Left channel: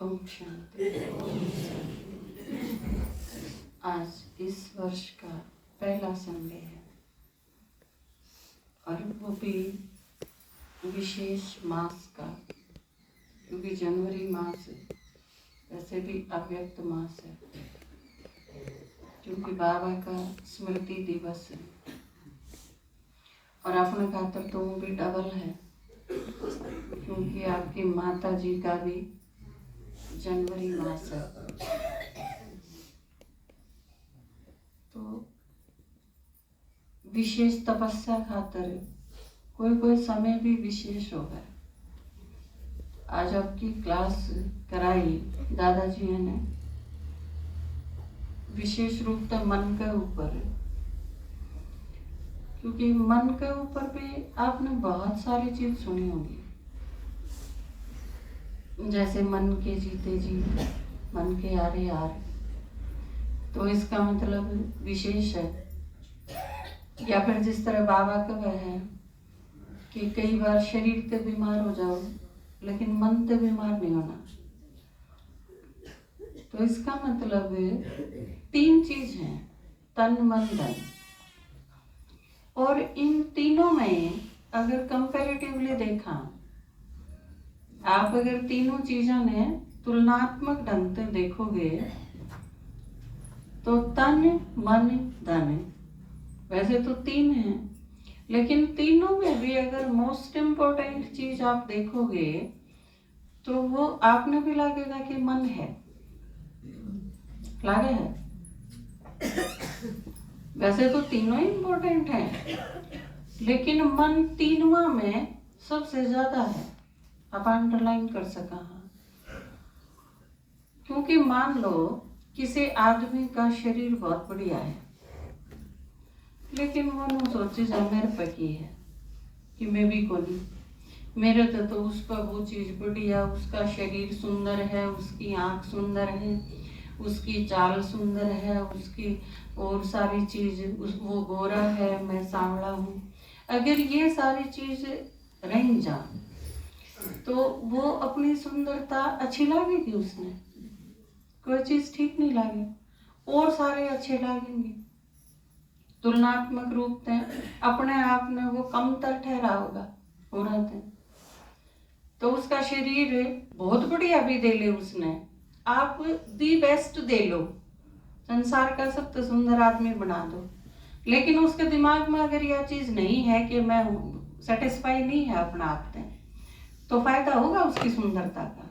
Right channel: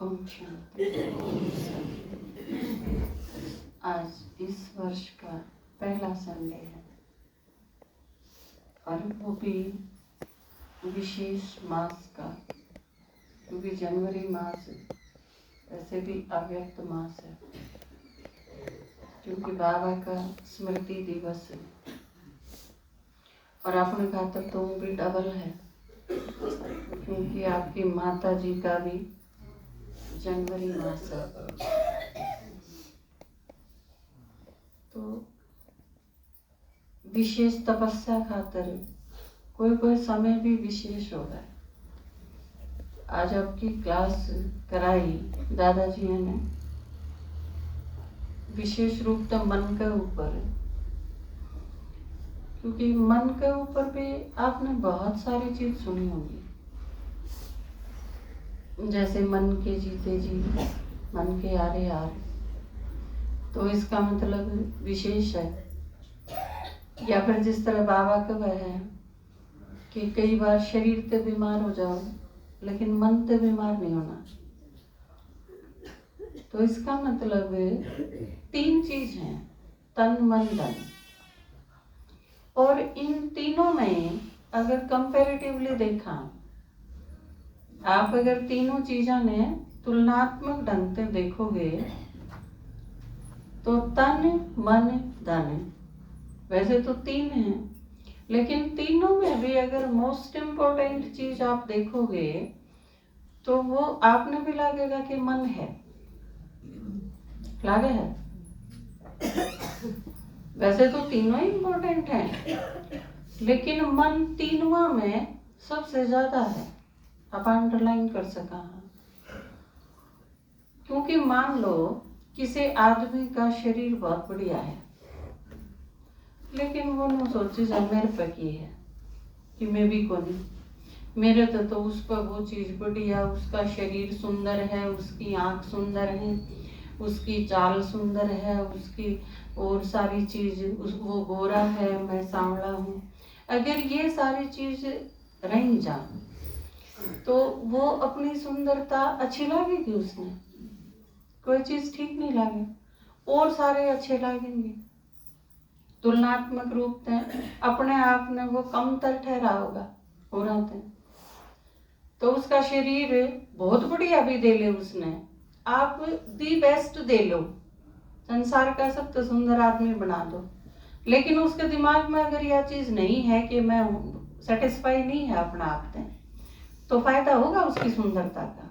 ओम शांति। आज इस वर्ष का पहला संडे है और वो भी विशेष मास का, क्योंकि जनवरी मास वैसे भी अव्यक्त मास है, क्योंकि बाबा का स्मृति दिवस है और अपने खातर तो वो भी डबल है, क्योंकि आपकी माता जी का भी जनवरी मास है। तो विशेष तपस्या खातर कोई कोई समय भी विशेष होगा। आज आपकी क्लास कराई दादाजी ने विशेष रूप से मन के ऊपर, क्योंकि मन के ऊपर भी आपने बहुत सारी चीज सुनी होगी, जैसे मन के जीते जी, मन के यारे यार। तो इसका मतलब विशेष है, या फिर जिस तरह बाबा का वह है कि कई बार शरीर से बीमार हो जाओ लेकिन मन से बीमार नहीं होना। तो इसका मतलब तीन चीज हैं, तन मन धन, और इन तीनों में अगर कंपैरेटिवली देखा, आप अगर तीनों चीजों ने तुलनात्मक ढंग से देखोगे तो तन मन धन वैसे तो तीन हैं, लेकिन तीनों में भी अगर मोस्ट इम्पोर्टेंट चीज आप देखोगे तो वो आपने भी लगेगा कि मन है, लगे है। वैसे तो तीनों ही इम्पोर्टेंट हैं, लेकिन मन तीनों में सबसे ज्यादा है। आप अंडरलाइन कर सका, क्योंकि मान लो किसी आदमी का शरीर बहुत बढ़िया है, लेकिन वो न सोचे जब मेरे पे की है कि मैं भी को नहीं, मेरे तो उस पर वो चीज बढ़िया, उसका शरीर सुंदर है, उसकी आंख सुंदर है, उसकी चाल सुंदर है, उसकी और सारी चीज, वो गोरा है, मैं सांवला हूँ। अगर ये सारी चीज रह जा तो वो अपनी सुंदरता अच्छी लगेगी, उसने कोई चीज ठीक नहीं लगे, और सारे अच्छे लगेंगे। तुलनात्मक रूप से अपने आप में वो कमतर ठहरा होगा पूरा दिन। तो उसका शरीर बहुत बढ़िया भी दे ले उसने, आप दी बेस्ट दे लो, संसार का सबसे सुंदर आदमी बना दो, लेकिन उसके दिमाग में अगर यह चीज नहीं है कि मैं सेटिस्फाई नहीं है अपना आप से, तो फायदा होगा उसकी सुंदरता का,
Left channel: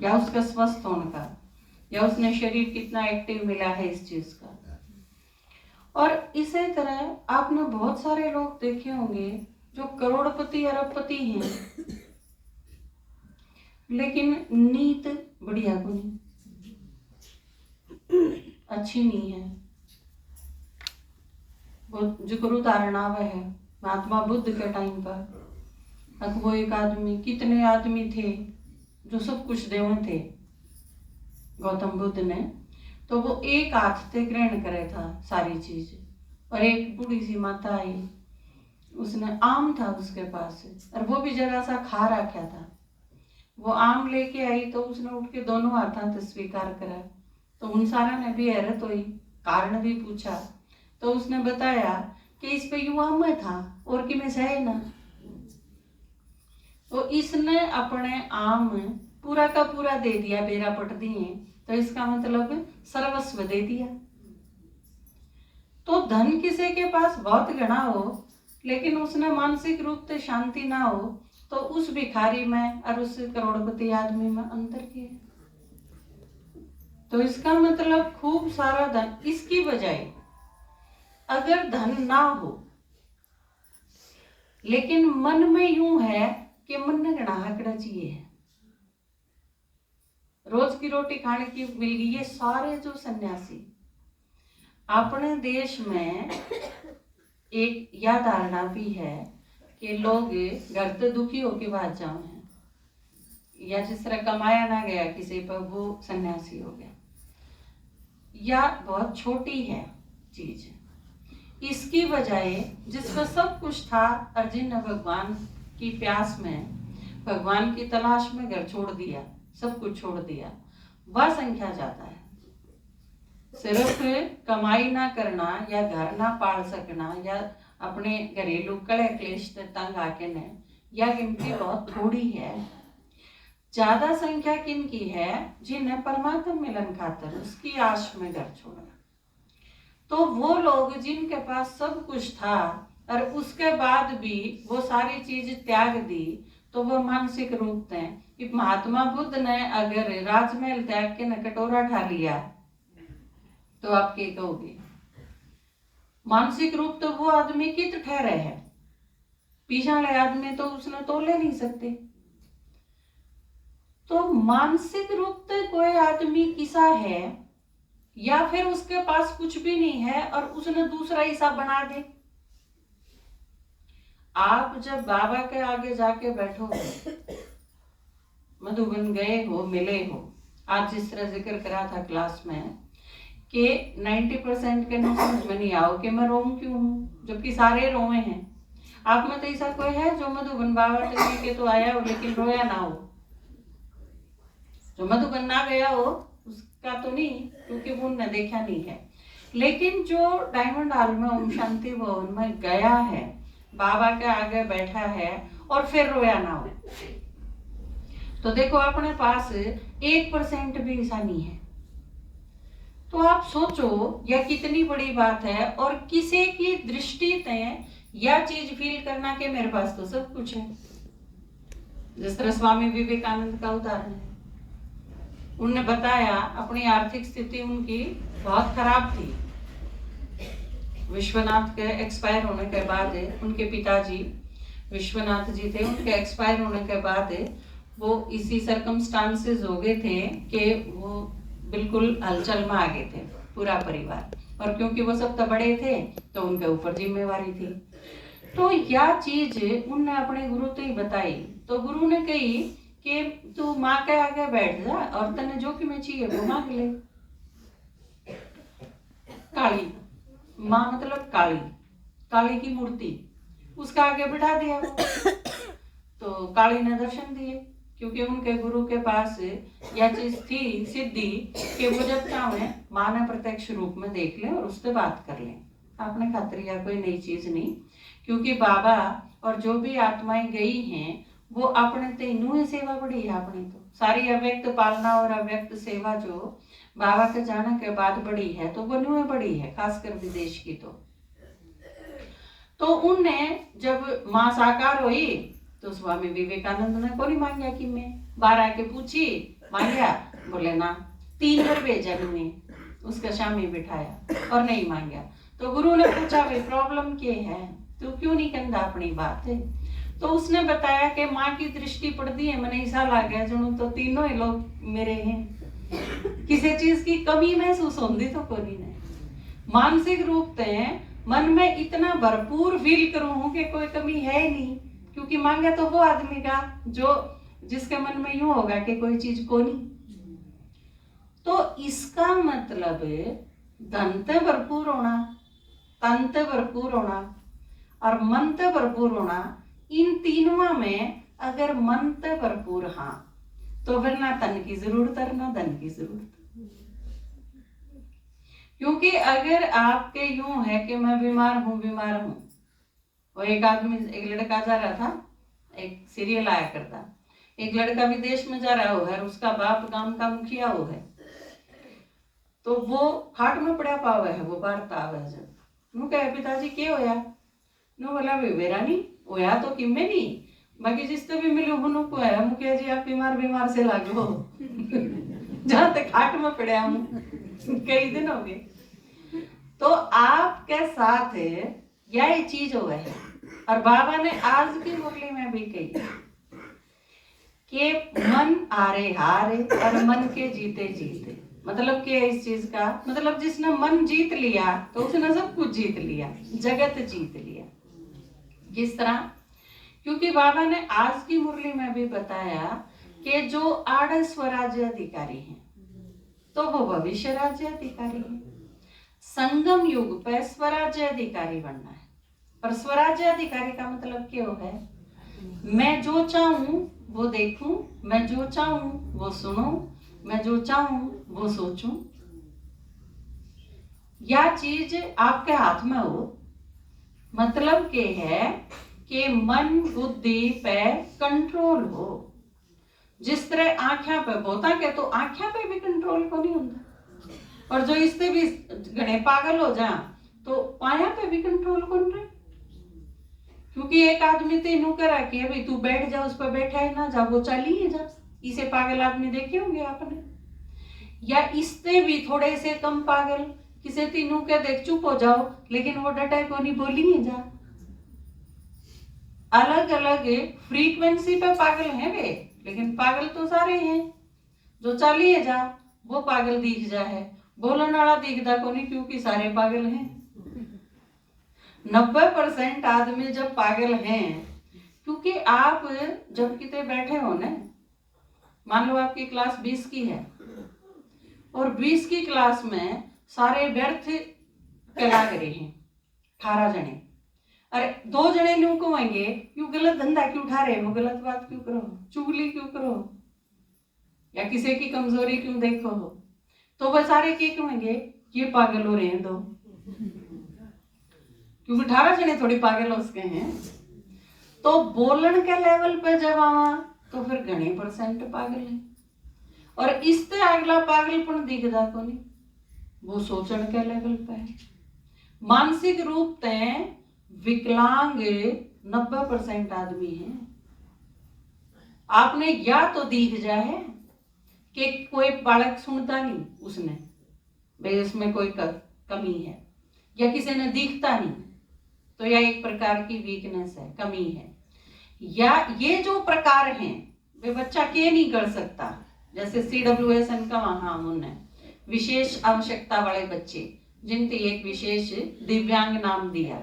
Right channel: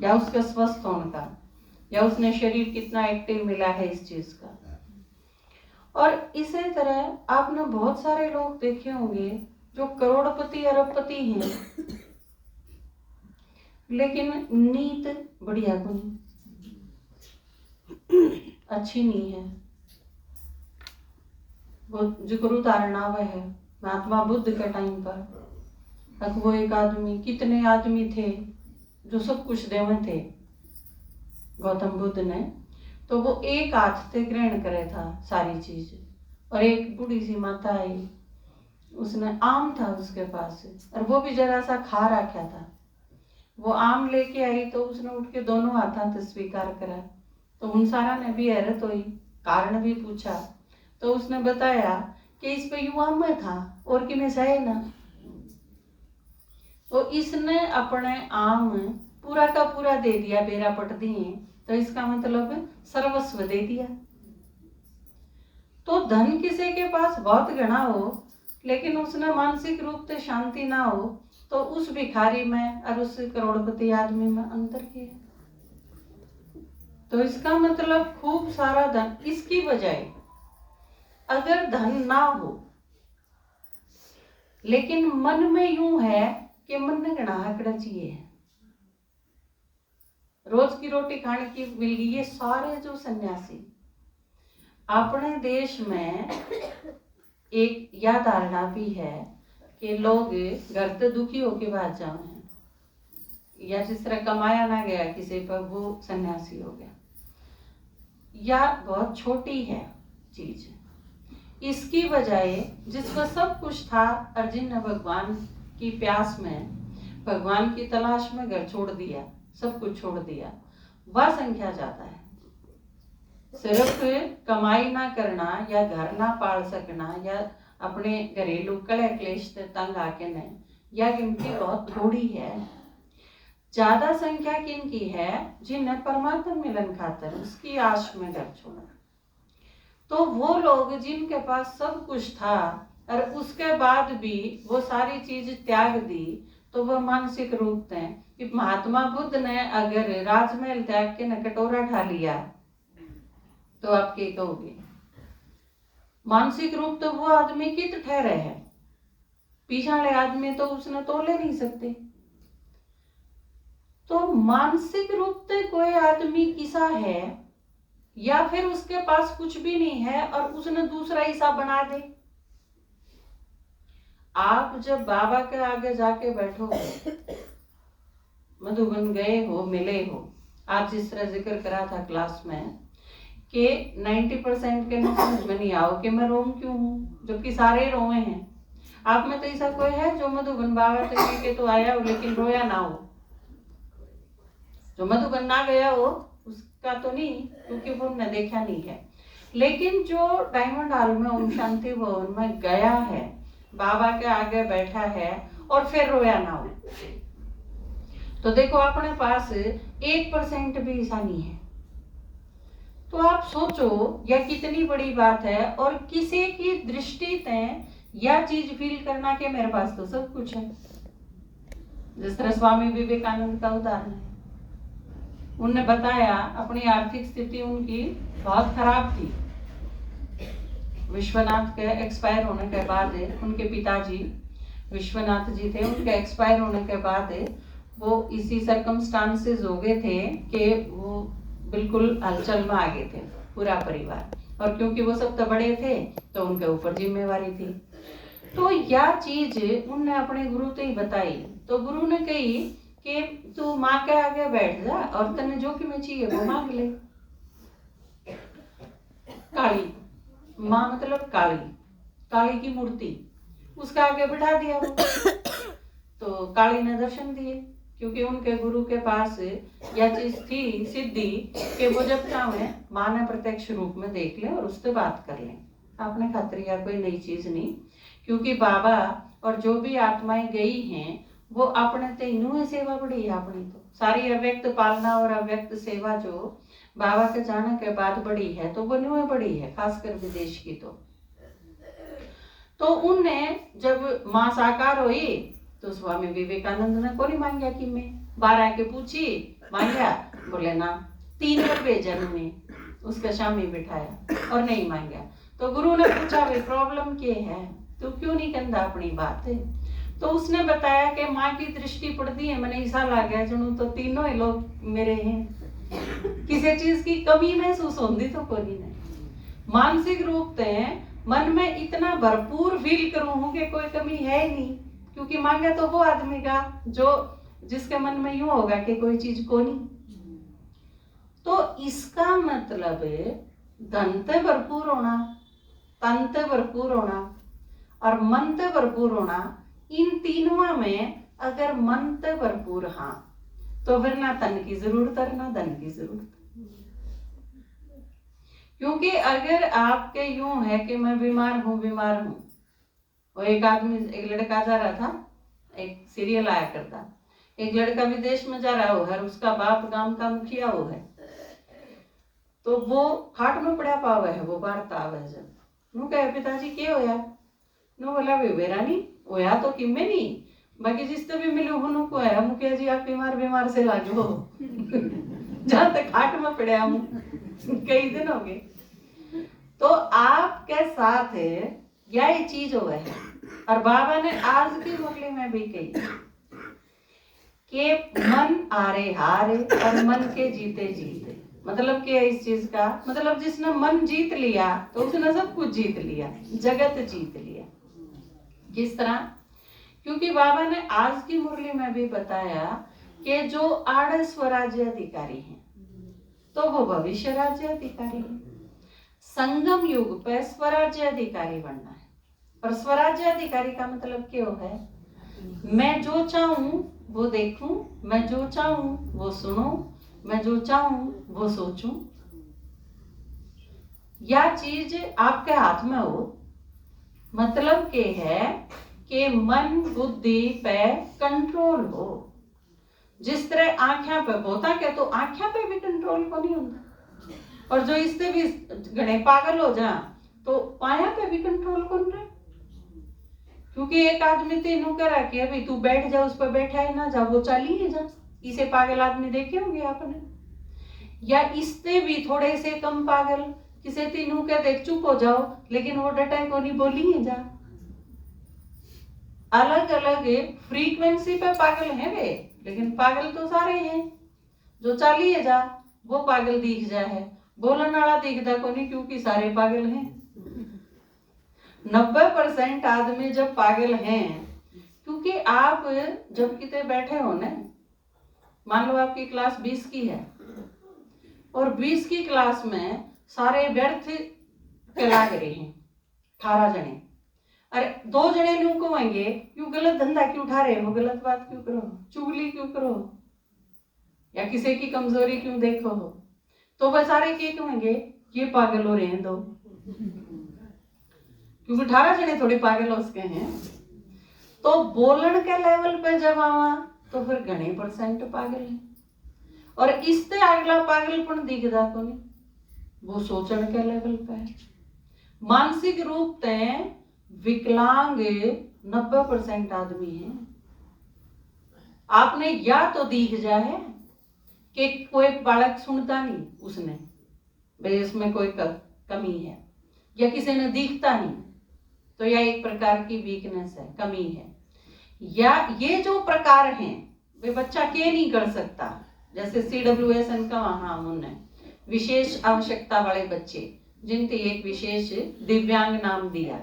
या उसका स्वस्थ होने का, या उसने शरीर कितना एक्टिव मिला है इस चीज का। और इसी तरह आपने बहुत सारे लोग देखे होंगे जो करोड़पति अरबपति हैं, लेकिन नीत बढ़िया को नहीं, अच्छी नहीं है। वो जिक्र उदाहरण आवा है महात्मा बुद्ध के टाइम पर, तक वो एक आदमी, कितने आदमी थे जो सब कुछ देवे थे गौतम बुद्ध ने, तो वो एक हाथ से ग्रहण करे था सारी चीज। और एक बूढ़ी सी माता आई, उसने आम था उसके पास, और वो भी जरा सा खा रखा था, वो आम लेके आई तो उसने उठ के दोनों हाथों से स्वीकार करा। तो उन सारा ने भी हैरत हुई, कारण भी पूछा, तो उसने बताया कि इस पे युवा में था और कि मैं सहे ना। तो इसने अपने आम पूरा का पूरा दे दिया, बेरा पट दिए, तो इसका मतलब सर्वस्व दे दिया। तो धन किसी के पास बहुत घना हो, लेकिन उसने मानसिक रूप से शांति ना हो, तो उस भिखारी में और उस करोड़पति आदमी में अंतर किया। तो इसका मतलब खूब सारा धन, इसकी बजाय अगर धन ना हो लेकिन मन में यूं है कि मन ने घना आंकड़ा चाहिए है, रोज की रोटी खाने की मिल गई, ये सारे जो सन्यासी अपने देश में, एक यह धारणा भी है कि लोग घर से दुखी होके बाहर जाए हैं, या जिस तरह कमाया ना गया किसी पर वो सन्यासी हो गया, या बहुत छोटी है चीज। इसकी बजाय जिसका सब कुछ था, अर्जुन ने भगवान की प्यास में, भगवान की तलाश में घर छोड़ दिया, सब कुछ छोड़ दिया, वह संख्या ज्यादा है। सिर्फ कमाई ना करना या घर ना पाल सकना या अपने घरेलू कलह क्लेश से तंग आके नहीं, यह गिनती बहुत थोड़ी है। ज्यादा संख्या किनकी है? जिन्हें परमात्मा मिलन खातर उसकी आश में घर छोड़ा। तो वो लोग जिनके पास सब कुछ था और उसके बाद भी वो सारी चीज त्याग दी, तो वो मानसिक रूप थे कि महात्मा बुद्ध ने अगर राजमहल त्याग के न कटोरा खा लिया तो आप क्या कहोगे? मानसिक रूप तो वो आदमी कित ठहरे है, पीछा वाले आदमी तो उसने तोले नहीं सकते। तो मानसिक रूप से कोई आदमी किसा है या फिर उसके पास कुछ भी नहीं है और उसने दूसरा हिसाब बना दे। आप जब बाबा के आगे जाके बैठो, मधुबन गए हो, मिले हो, आज जिस तरह जिक्र करा था क्लास में कि 90% के ना समझ में नहीं आओ कि मैं रोऊं क्यों हूं, जबकि सारे रोए हैं। आप में तो ऐसा कोई है जो मधुबन बाबा के तो आया हो लेकिन रोया ना हो? जो मधुबन ना गया हो उसका तो नहीं, क्योंकि वो उन्हें देखा नहीं है। लेकिन जो डायमंड हॉल में ओम शांति भवन में गया है, बाबा के आगे बैठा है और फिर रोया ना हो, तो देखो अपने पास 1% भी ऐसा नहीं है। तो आप सोचो यह कितनी बड़ी बात है। और किसी की दृष्टि से यह चीज फील करना कि मेरे पास तो सब कुछ है। जिस तरह स्वामी विवेकानंद का उदाहरण है, उन्होंने बताया अपनी आर्थिक स्थिति उनकी बहुत खराब थी। विश्वनाथ के एक्सपायर होने के बाद उनके पिताजी विश्वनाथ जी थे, उनके एक्सपायर होने के बाद वो इसी सर्कमस्टांसेस हो गए थे कि वो बिल्कुल हलचल में आ गए थे पूरा परिवार, और क्योंकि वो सब तो बड़े थे तो उनके ऊपर जिम्मेवारी थी। तो यह चीज उनने अपने गुरु को ही बताई। तो गुरु ने कही कि तू माँ के आगे बैठ जा और तने जो कि मैं चाहिए वो मांग ले। काली माँ मतलब काली, काली की मूर्ति, उसका आगे बिठा दिया वो। तो काली ने दर्शन दिए, क्योंकि उनके गुरु के पास यह चीज थी सिद्धि कि वो जब चाहे माँ ने प्रत्यक्ष रूप में देख ले और उससे बात कर ले। आपने खातिर या कोई नई चीज नहीं, क्योंकि बाबा और जो भी आत्माएं गई हैं वो अपने ते इन्हों सेवा बड़ी है। अपनी तो सारी अव्यक्त पालना और अव्यक्त सेवा जो बाबा के जाने के बाद बड़ी है तो वो न्यू बड़ी है, खासकर विदेश की। तो उनने जब माँ साकार हुई तो स्वामी विवेकानंद ने को नहीं मांगा कि मैं बाहर आके पूछी, मांगा बोले ना, 3 बार भेजा ने उसका शामी बिठाया और नहीं मांगा। तो गुरु ने पूछा भाई प्रॉब्लम क्या है, तो क्यों नहीं कहता अपनी बात है? तो उसने बताया कि माँ की दृष्टि पड़ती है, मैंने ऐसा लगा जुनू तो तीनों ही लोग मेरे हैं, किसी चीज की कमी महसूस होती तो कोई नहीं। मानसिक रूप से मन में इतना भरपूर फील करूं कि कोई कमी है ही नहीं, क्योंकि मांगा तो वो आदमी का जो जिसके मन में यूं होगा कि कोई चीज को नहीं। तो इसका मतलब धन से भरपूर होना, तन से भरपूर होना और मन से भरपूर होना, इन तीनों में अगर मन से भरपूर हाँ तो फिर ना तन की जरूरत है ना धन की जरूरत। क्योंकि अगर आपके यूं है कि मैं बीमार हूं, वो एक आदमी, एक लड़का जा रहा था, एक सीरियल आया करता, एक लड़का विदेश में जा रहा है, उसका बाप गांव का मुखिया हो है, तो वो खाट में पड़ा पावे है, वो बारता आवे जब नु कहे पिताजी क्या होया, नु बोला वेरा नहीं होया तो किमे नहीं, बाकी जिससे भी मिले उन्हों को है मुखिया जी आप बीमार से लागे हो जहां तक खाट में पड़ा हूं कई दिन हो गए। तो आपके साथ यही चीज हो गई है। और बाबा ने आज की मुरली में भी कही कि मन हारे हारे और मन के जीते जीते। मतलब क्या है इस चीज का मतलब, जिसने मन जीत लिया तो उसने सब कुछ जीत लिया, जगत जीत लिया। किस तरह? क्योंकि बाबा ने आज की मुरली में भी बताया कि जो आड़ स्वराज्य अधिकारी हैं तो वो भविष्य राज्य अधिकारी है। संगम युग पे स्वराज्य अधिकारी बनना है। और स्वराज्य अधिकारी का मतलब क्या है? मैं जो चाहूं वो देखूं, मैं जो चाहूं वो सुनूं, मैं जो चाहूं वो सोचूं। या चीज आपके हाथ में हो, मतलब के है कि मन बुद्धि पे कंट्रोल हो। जिस तरह आंखों पे बोता के तो आंखों पे भी कंट्रोल को नहीं होता, और जो इससे भी घने पागल हो जा तो पाया पे भी कंट्रोल कौन रहे। क्योंकि एक आदमी तेनू करा कि अभी तू बैठ जा, उस पर बैठा ही ना जा, वो चली जा। इसे पागल आदमी देखे होंगे आपने। या इससे भी थोड़े से कम पागल किसे तीनों के देख चुप हो जाओ, लेकिन वो डटा को नहीं बोली है जा। अलग अलग फ्रीक्वेंसी पे पागल है वे, लेकिन पागल तो सारे हैं। जो चाली है जा वो पागल दिख जा है, बोलने वाला दिखता को नहीं, क्योंकि सारे पागल हैं। 90% आदमी जब पागल हैं, क्योंकि आप जब कितने बैठे हो ना, मान लो आपकी क्लास 20 की है और 20 की क्लास में सारे व्यर्थ कला रहे हैं 18 जने। अरे 2 जने न्यू कहेंगे क्यों गलत धंधा क्यों उठा रहे हो, गलत बात क्यों करो, चुगली क्यों करो, या किसी की कमजोरी क्यों देखो हो, तो वह सारे क्या कहेंगे, ये पागल हो रहे हैं दो। क्योंकि 18 जने थोड़ी पागल हो सके हैं। तो बोलन के लेवल पे जब आवा तो फिर घने % पागल है। और इससे अगला पागलपन दिखता को नहीं, वो सोचने के लेवल पे है। मानसिक रूप से विकलांग 90% आदमी हैं। आपने या तो दिख जाए कि कोई बालक सुनता नहीं उसने, भाई इसमें कोई कमी है, या किसी ने दिखता नहीं, तो यह एक प्रकार की वीकनेस है, कमी है। या ये जो प्रकार हैं वे बच्चा के नहीं कर सकता, जैसे CWSN का वहां उन्होंने विशेष आवश्यकता वाले बच्चे जिनके एक विशेष दिव्यांग नाम दिया।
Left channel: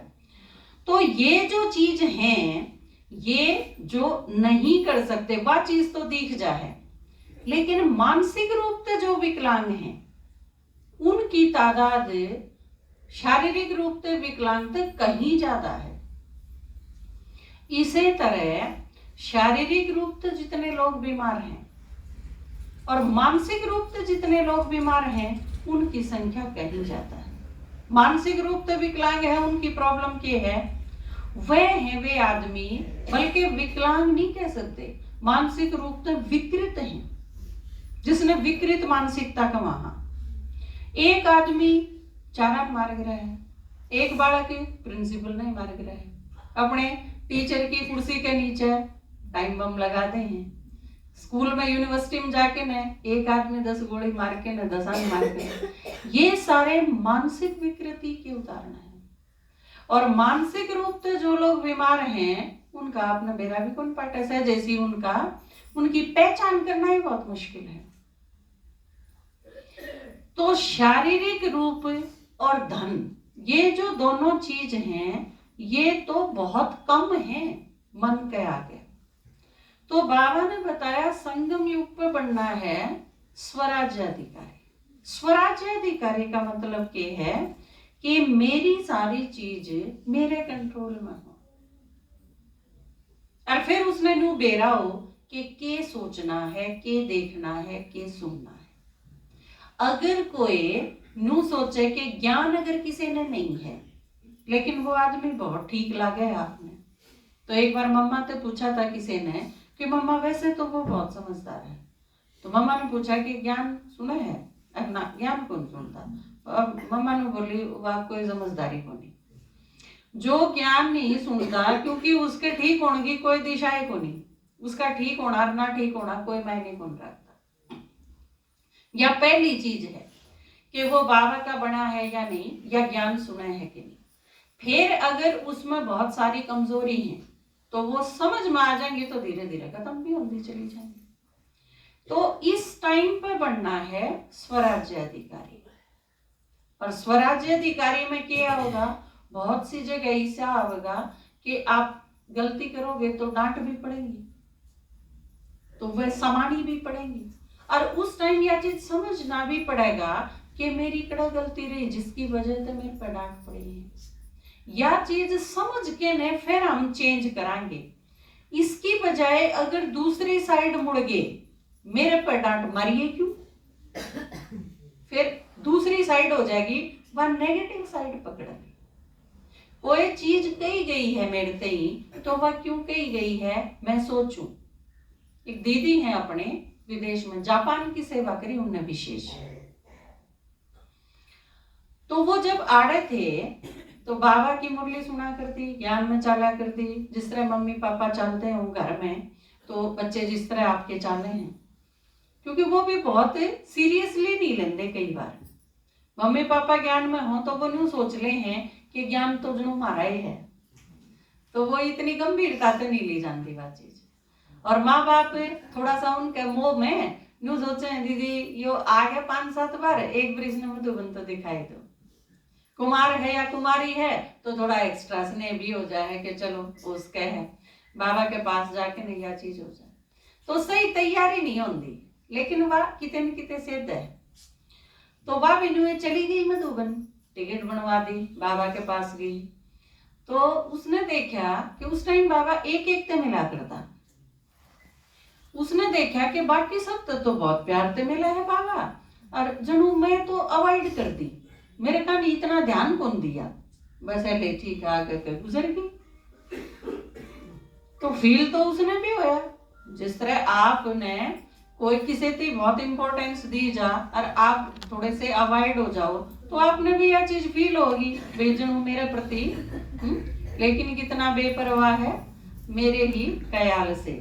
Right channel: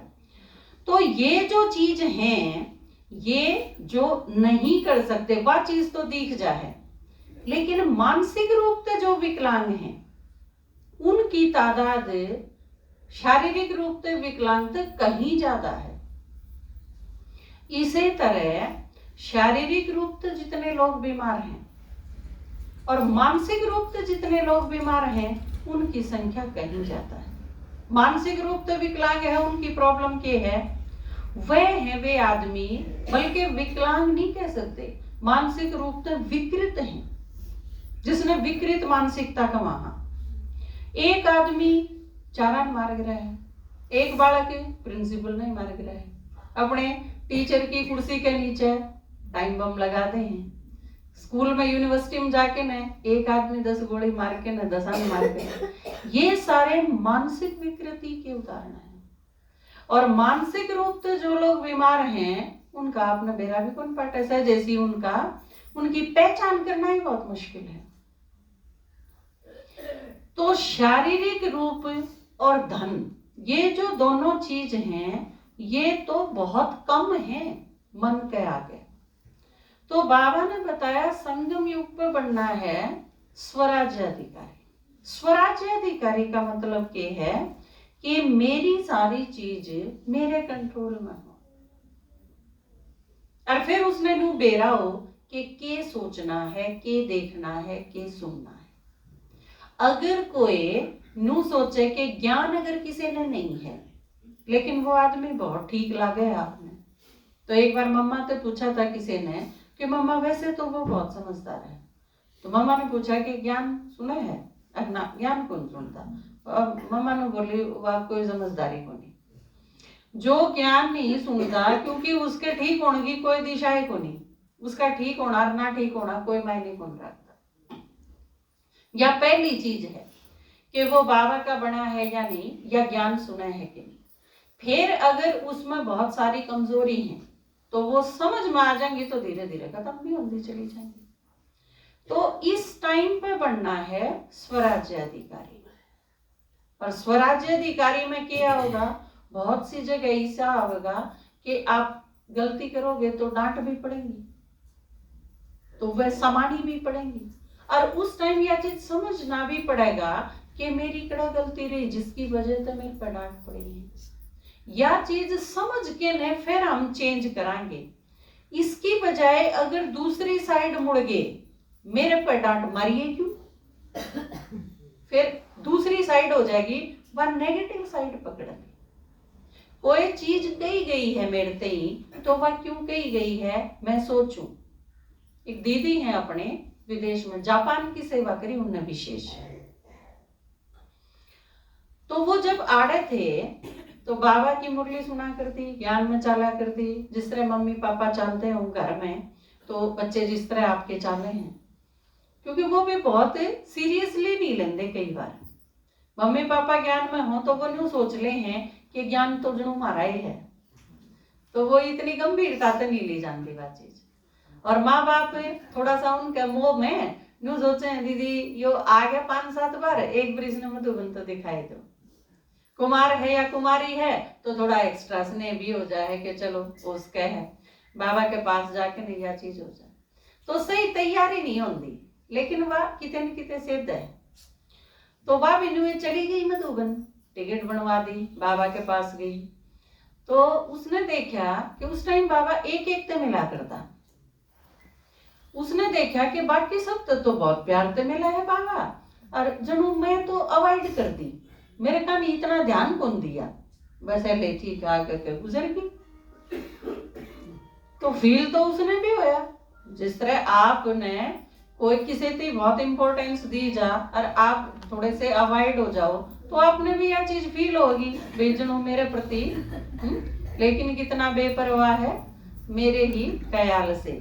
तो ये जो चीज हैं, ये जो नहीं कर सकते वह चीज तो दिख जाए, लेकिन मानसिक रूप से जो विकलांग हैं उनकी तादाद शारीरिक रूप से विकलांग से कहीं ज्यादा है। इसी तरह शारीरिक रूप से जितने लोग बीमार हैं और मानसिक रूप से जितने लोग बीमार हैं उनकी संख्या कहीं ज्यादा है। मानसिक रूप से विकलांग है, उनकी प्रॉब्लम क्या है, वह है वे आदमी, बल्कि विकलांग नहीं कह सकते, मानसिक रूप से विकृत हैं, जिसने विकृत मानसिकता का वहां। एक आदमी चालान मार रहा है, एक बालक प्रिंसिपल नहीं मार रहा है, अपने टीचर की कुर्सी के नीचे टाइम बम लगाते हैं। स्कूल में यूनिवर्सिटी में जाके न एक आदमी 10 गोली मार के न 10 मार के। ये सारे मानसिक विकृति के उदाहरण हैं। और मानसिक रूप से जो लोग बीमार हैं उनका आपने बेरा भी कौन पाटा है, जैसी उनकी पहचान करना ही बहुत मुश्किल है। तो शारीरिक रूप और धन, ये जो दोनों चीज हैं ये तो बहुत कम है मन के आगे। तो बाबा ने बताया संगम युग पे बनना है स्वराज्य अधिकारी। स्वराज्य अधिकारी का मतलब ये है कि मेरी सारी चीज मेरे कंट्रोल में हो, और फिर उसने नू बेरा हो कि के सोचना है, के देखना है, के सुनना है। अगर कोई नू सोचे कि ज्ञान अगर किसी ने नहीं है, लेकिन वो आदमी बहुत ठीक लगे आपने, तो एक बार मम्मा से पूछा था किसी ने कि मम्मा वैसे तो वो बहुत समझदार है, तो मम्मा ने पूछा कि ज्ञान सुना है, अपना ज्ञान कौन सुनता, और मम्मा ने बोली आप कोई समझदारी को नहीं, जो ज्ञान नहीं सुनता, क्योंकि उसके ठीक होने की कोई दिशा है को नहीं, उसका ठीक होना और ना ठीक होना कोई मायने कौन रखता। या पहली चीज है कि वो बाबा का बना है या नहीं, या ज्ञान सुना है कि नहीं। फिर अगर उसमें बहुत सारी कमजोरी है तो वो समझ में आ जाएंगी तो धीरे धीरे खत्म भी होती चली जाएंगी। तो इस टाइम पे बनना है स्वराज्य अधिकारी। और स्वराज्य अधिकारी में क्या होगा, बहुत सी जगह ऐसा होगा कि आप गलती करोगे तो डांट भी पड़ेगी, तो वह समानी भी पड़ेगी, और उस टाइम यह चीज समझना भी पड़ेगा कि मेरी कड़ा गलती रही जिसकी वजह से मेरे पर डांट पड़ी है। यह चीज समझ के ने फिर हम चेंज कराएंगे। इसकी बजाय अगर दूसरी साइड मुड़ गए, मेरे पर डांट मारिए क्यों, फिर दूसरी साइड हो जाएगी, वह नेगेटिव साइड पकड़ ली। कोई चीज कही गई है मेरे तई, तो वह क्यों कही गई है मैं सोचूं। एक दीदी है अपने विदेश में, जापान की सेवा करी उनने विशेष। तो वो जब आड़े थे तो बाबा की मुरली सुना करती, ज्ञान में चाला करती, जिस तरह मम्मी पापा चालते हैं घर में, तो बच्चे जिस तरह आपके चाले हैं, क्योंकि वो भी बहुत सीरियसली नहीं लेंगे। कई बार मम्मी पापा ज्ञान में हो तो वो न्यू सोच ले हैं कि ज्ञान तो जणू हमारा ही है, तो वो इतनी गंभीरता से नहीं ली जाती वह चीज। और माँ बाप थोड़ा सा उनके मोह में न्यू सोचे दीदी यो आ गया 5-7 बार, एक ब्रिज ने मधुबन तो दिखाई दो, कुमार है या कुमारी है तो थोड़ा एक्स्ट्रा स्नेह भी हो जाए कि चलो उसके है, बाबा के पास जाके नहीं यह चीज हो जाए। तो सही तैयारी नहीं होती, लेकिन वह कितने न कितने सिद्ध है। तो वह बिनु चली गई मधुबन, टिकट बनवा दी, बाबा के पास गई। तो उसने देखा कि उस टाइम बाबा एक एक ते मिला करता। उसने देखा कि बाकी सब तो बहुत प्यार से मिला है बाबा, और जनू मैं तो अवॉइड कर दी, मेरे का नहीं इतना ध्यान कौन दिया, वैसे ले ठीक आके गुजर गई। तो फील तो उसने भी होया, जिस तरह आपने कोई किसी से बहुत इंपॉर्टेंस दी जा और आप थोड़े से अवॉइड हो जाओ, तो आपने भी यह चीज फील होगी बेजनू मेरे प्रति, लेकिन कितना बेपरवाह है मेरे ही ख्याल से,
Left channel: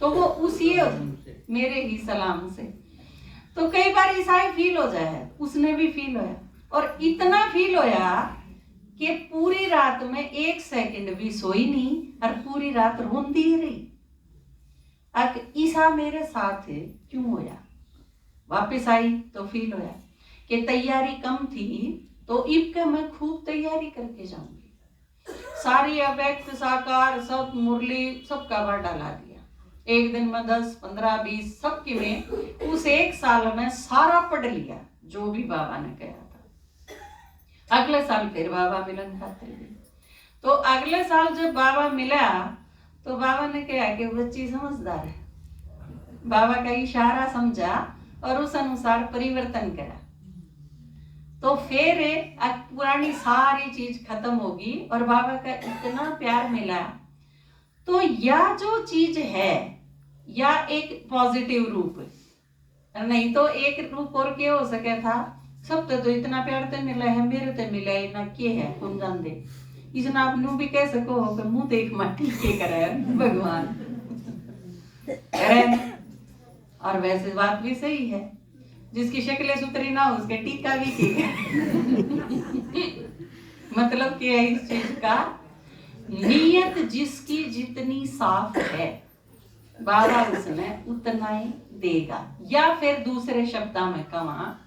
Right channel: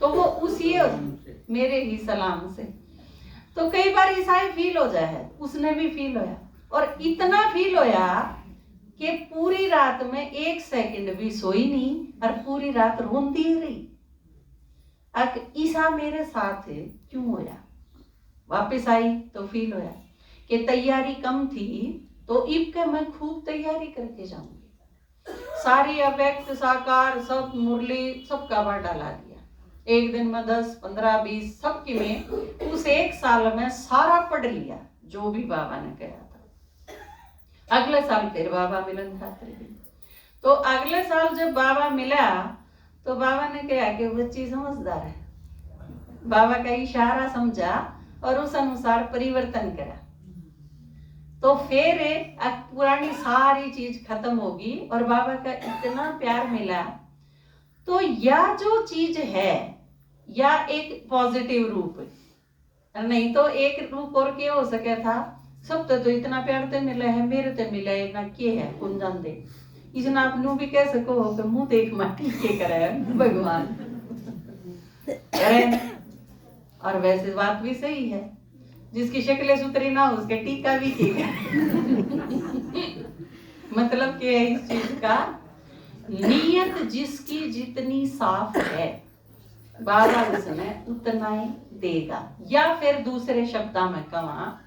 तो वो उसी मेरे ही सलाम से। तो कई बार ऐसा ही फील हो जाए है, उसने भी फील होया, और इतना फील होया कि पूरी रात में 1 सेकंड भी सोई नहीं और पूरी रात रोंदी ही रही। अब ईसा मेरे साथ क्यों होया। वापस आई तो फील होया कि तैयारी कम थी, तो इब का मैं खूब तैयारी करके जाऊंगी, सारी अव्यक्त साकार सब मुरली सब कवर डाला दिया, एक दिन में 10, 15, 20 सबकी में उस 1 साल में सारा पढ़ लिया जो भी बाबा ने कहा था। अगले साल फिर बाबा मिलन खातिर गई। तो अगले साल जब बाबा मिला तो बाबा ने कहा कि बच्ची समझदार है, बाबा का इशारा समझा और उस अनुसार परिवर्तन करा। तो फिर पुरानी सारी चीज खत्म होगी और बाबा का इतना प्यार मिला। तो यह जो चीज है या एक पॉजिटिव रूप, नहीं तो एक रूप और क्या हो सके था, सब तो इतना प्यार ते मिला है, मेरे ते मिला है ना, के है कौन जान दे। इसने आप नू भी कह सको कि मुंह देख माटी के करे भगवान करे। और वैसे बात भी सही है, जिसकी शक्ल सुतरी ना हो उसके टीका भी की मतलब क्या है इस चीज का, नीयत जिसकी जितनी साफ है बाबा उसमें उतना ही देगा। या फिर दूसरे शब्दों में कहा,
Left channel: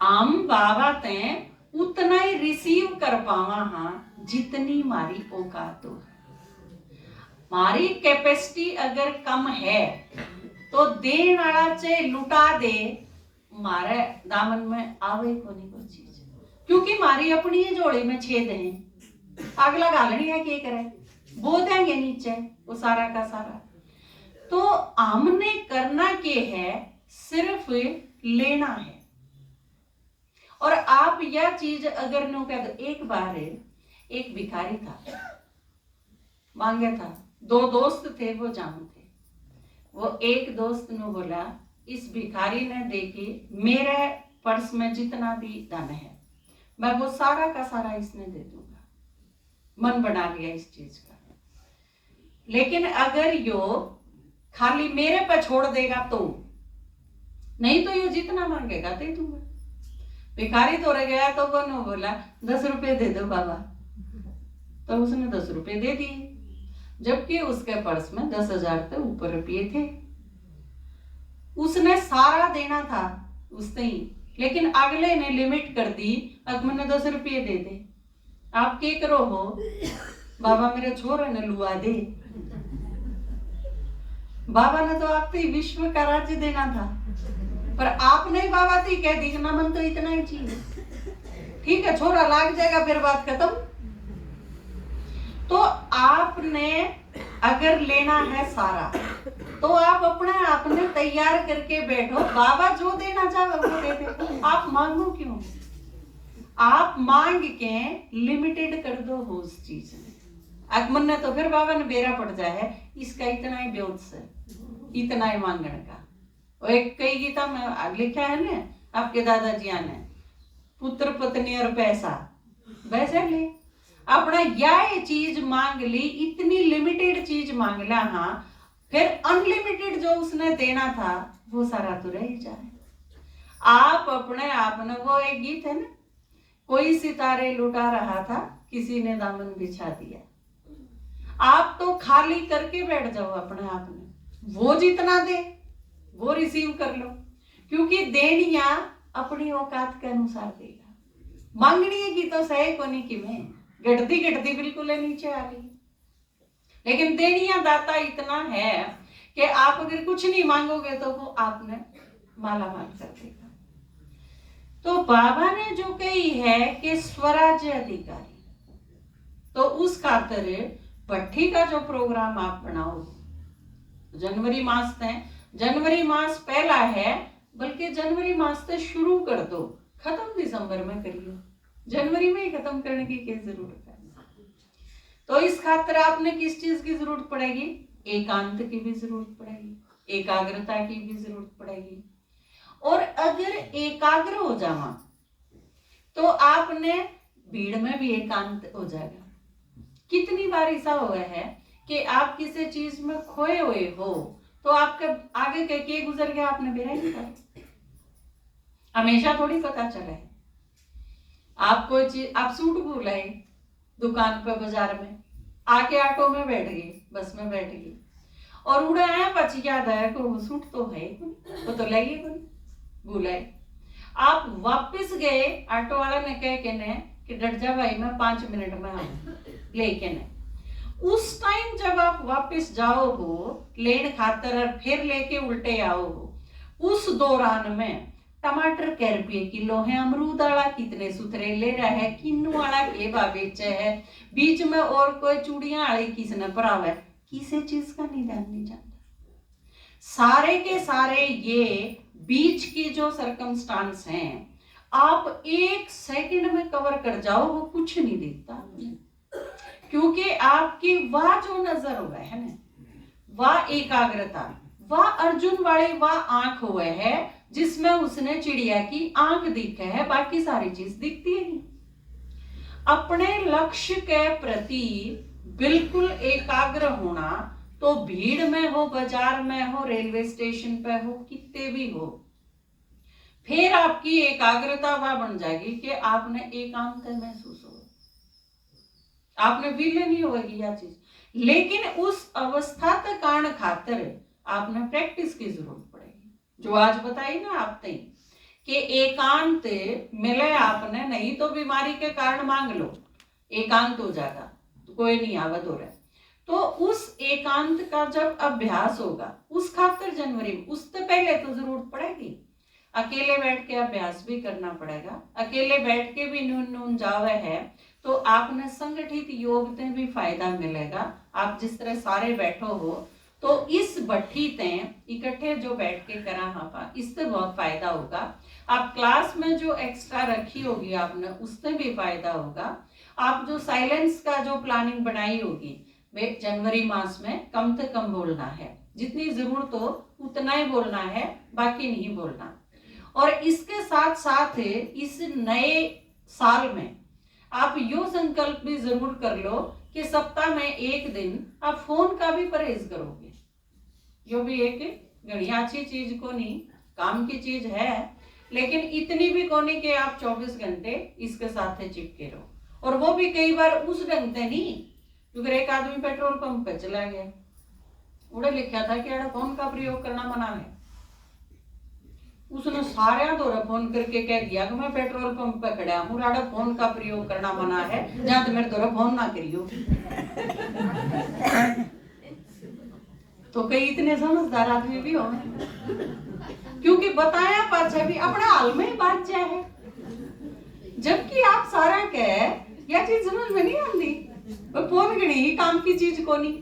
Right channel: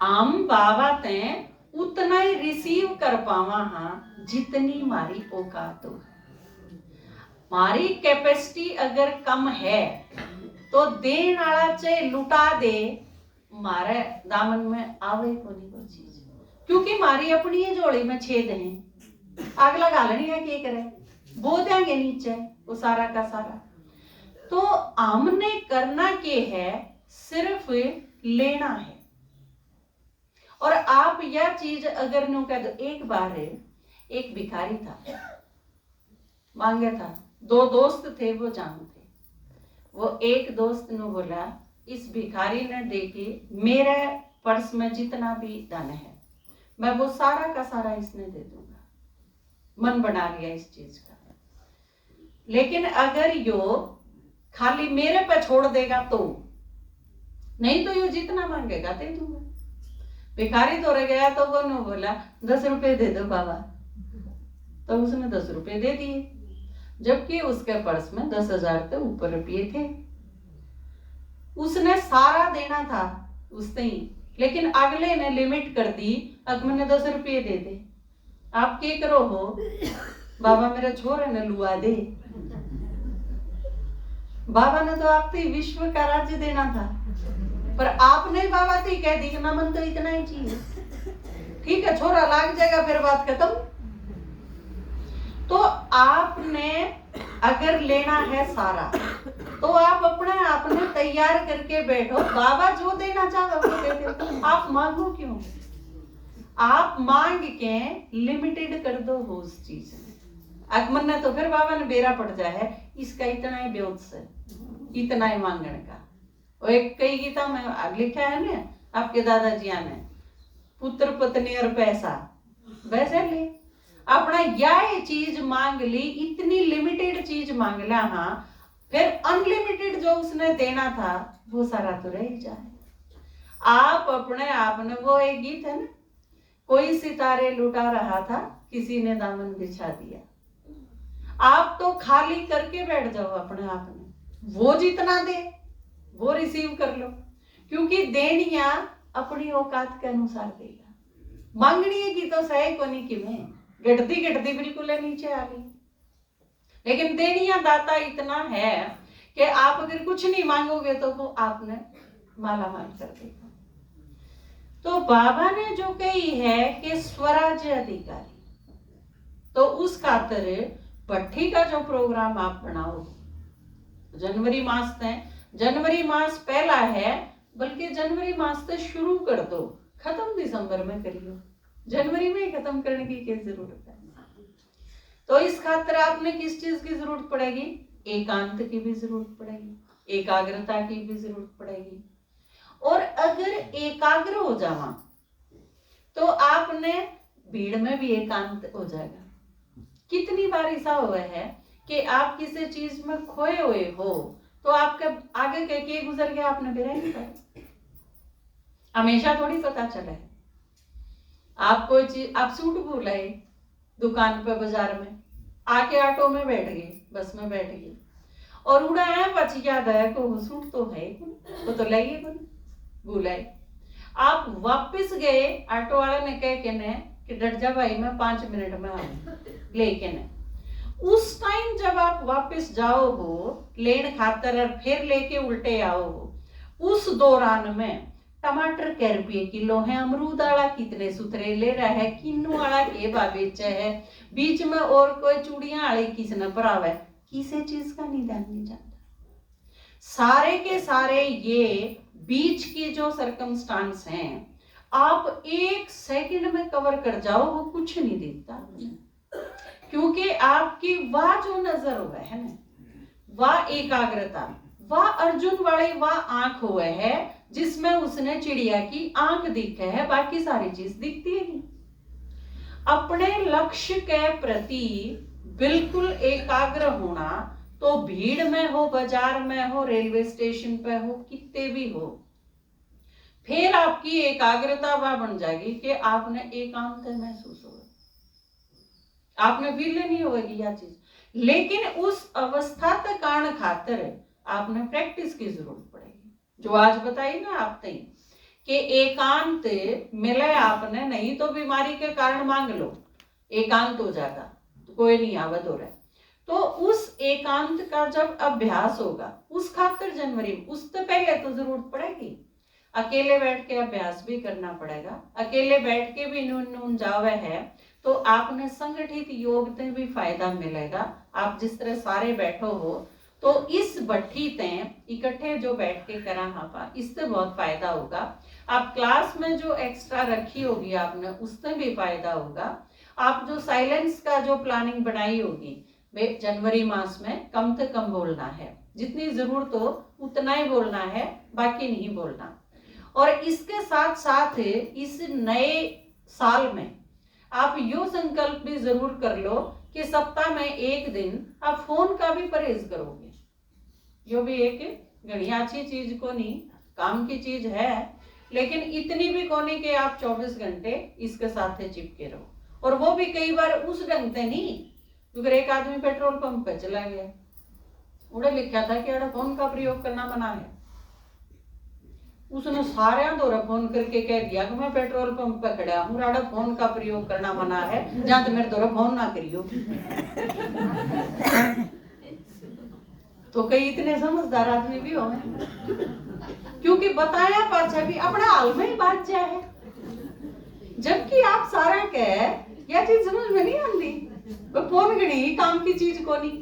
हम बाबा ते उतना ही रिसीव कर पावा हाँ जितनी मारी औकात हो। मारी कैपेसिटी अगर कम है तो देन वाला चाहे लुटा दे, मारे दामन में आवे को नहीं कोई चीज, क्योंकि मारी अपनी झोली में छेद है, अगला गालनी है क्या करे, बो देंगे नीचे वो सारा का सारा। तो हमने करना के है सिर्फ लेना है। और आप यह चीज अगर नो कह दो, एक बार एक भिखारी था, मांगे था, 2 दोस्त थे वो जानते, वो एक दोस्त ने बोला इस भिखारी ने देखी मेरे पर्स में जितना भी धन है मैं वो सारा का सारा इसने दे दूंगा, मन बना लिया इस चीज का। लेकिन अगर यो खाली मेरे पे छोड़ देगा तो, नहीं तो यो जितना मांगेगा तो ही दूंगा। भिखारी तोड़े गया तो वो ने बोला 10 रुपए दे दो बाबा, तो उसने 10 रुपए दे दिए, जबकि उसके पर्स में 10,000 से ऊपर रुपये थे। उसने सारा देना था उसने ही, लेकिन अगले ने लिमिट कर दी, अब मैंने 10 रुपये दे दे, आप क्या करो हो बाबा मेरे छोरे ने लुआ दे। बाबा ने तो आप विश्व का राज्य देना था, पर आपने बाबा से कह दी ना मन तो इतना ही चाहिए, ठीक है छोरा लाग जाएगा फिर बात खत्म। तो आपने अगर लेना है सारा तो आप अपने आप ने तैयार करके बैठो, बाबा जो देना चाहे वो दे दे, आप मांगो क्यों? आप मांग के लिमिटेड कर दो हो उस चीज में। अगमन ने तो फिर बाबा ने बेरा पड़ जाए है, इसका इतना ही ब्योत से, इतना ही मांगने का। और एक कई गीता में लिखा है ना आपके दादाजिया ने, पुत्र पत्नी और पैसा, वैसे ले अपना यह चीज मांग ली, इतनी लिमिटेड चीज मांग ला, हाँ फिर अनलिमिटेड जो उसने देना था वो सारा तो रह ही जाए। आप अपने आप ने, वो एक गीत है ना, कोई सितारे लुटा रहा था किसी ने दामन बिछा दिया। आप तो खाली करके बैठ जाओ अपने आप ने, वो जितना दे वो रिसीव कर लो, क्योंकि देनिया अपनी औकात के अनुसार देगा। मांगनी की तो सही कोनी की में गढ़ती गढ़ती बिल्कुल नीचे आ गई, लेकिन देनिया दाता इतना है कि आप अगर कुछ नहीं मांगोगे तो वो आपने माला माल कर देगा। तो बाबा ने जो कही है कि स्वराज्य अधिकारी, तो उस खातिर भट्ठी का जो प्रोग्राम आप बनाओ, जनवरी मास है, जनवरी मास पहला है, बल्कि जनवरी मास से शुरू कर दो, खत्म दिसंबर में करियो, जनवरी में ही खत्म करने की क्या जरूरत है? तो इस खातिर आपने किस चीज की जरूरत पड़ेगी? एकांत की भी जरूरत पड़ेगी, एकाग्रता की भी जरूरत पड़ेगी। और अगर एकाग्र हो जावा तो आपने भीड़ में भी एकांत हो जाएगा। कितनी बार ऐसा हुआ है कि आप किसी चीज में खोए हुए हो तो आपके आगे के गुजर गया, आपने बेरा नहीं पाया, हमेशा थोड़ी पता चला है। आप कोई चीज, आप सूट भूल आए दुकान पे बाजार में, आके ऑटो में बैठ गए, बस में बैठ गए और उड़ा आया पच याद आया को सूट तो है, वो तो लाइए कौन भूल आए। आप वापस गए, ऑटो वाला ने कह के ने कि डट जा भाई मैं 5 मिनट में आऊं लेके ने। उस टाइम जब आप वापस जाओ हो लेन खातर और फिर लेके उल्टे आओ हो, उस दौरान में टमाटर कै रुपये किलो है, अमरूद वाला कितने सुथरे ले रहा है, किन्नू वाला के भाव बेचे है, बीच में और कोई चूड़ियां वाली किसने भरावा है, किसी चीज का निदान नहीं जानता। सारे के सारे ये बीच की जो सर्कमस्टांस हैं, आप 1 सेकंड में कवर कर जाओ, वो कुछ नहीं दिखता, क्योंकि आपकी वह जो नजर हुआ है ना, वह एकाग्रता, वह अर्जुन वाली वह आंख हुआ है जिसमें उसने चिड़िया की आंख दिखे है, बाकी सारी चीज दिखती है नहीं। अपने लक्ष्य के प्रति बिल्कुल एकाग्र होना, तो भीड़ में हो, बाजार में हो, रेलवे स्टेशन पे हो, कितने भी हो, फिर आपकी एकाग्रता वह बन जाएगी कि आपने एकांत महसूस होगा, आपने फील नहीं होगी यह चीज। लेकिन उस अवस्था तक आने खातिर आपने प्रैक्टिस की जरूरत पड़ेगी, जो आज बताई ना आप तई कि एकांत मिले आपने, नहीं तो बीमारी के कारण मांग लो, एकांत हो जाएगा तो कोई नहीं आवत हो रहा है। तो उस एकांत का जब अभ्यास होगा, उस खातिर जनवरी में, उससे पहले तो जरूरत पड़ेगी, अकेले बैठ के अभ्यास भी करना पड़ेगा। अकेले बैठ के भी नून नून जावे है तो आपने संगठित योग से भी फायदा मिलेगा। आप जिस तरह सारे बैठो हो तो इस भट्ठी ते इकट्ठे जो बैठ के करा हापा, इससे बहुत फायदा होगा। आप क्लास में जो एक्स्ट्रा रखी होगी आपने, उससे भी फायदा होगा। आप जो साइलेंस का जो प्लानिंग बनाई होगी, वे जनवरी मास में कम से कम बोलना है, जितनी जरूरत हो उतना ही बोलना है, बाकी नहीं बोलना। और इसके साथ साथ इस नए साल में आप यो संकल्प भी जरूर कर लो कि सप्ताह में 1 दिन आप फोन का भी परहेज करोगे, जो भी एक घनी अच्छी चीज को नहीं, काम की चीज है, लेकिन इतनी भी को नहीं कि आप 24 घंटे इसके साथ चिपके रहो। और वो भी कई बार उस ढंग से नहीं, क्योंकि एक आदमी पेट्रोल पंप पे चला गया, उड़े लिखा था कि फोन का प्रयोग करना मना है, उसने सारे दौरा फोन करके कह दिया कि मैं पेट्रोल पंप पे खड़ा हूँ, राडा फोन का प्रयोग करना मना है, जहां तो मेरे दौरा फोन ना करियो। तो कई इतने समझदार आदमी भी हो, क्योंकि बताया पाछा भी अपना हाल में ही बात जाए है, जबकि आप सारा कह यह चीज समझ में नहीं आती, फोन गणी काम की चीज को नहीं।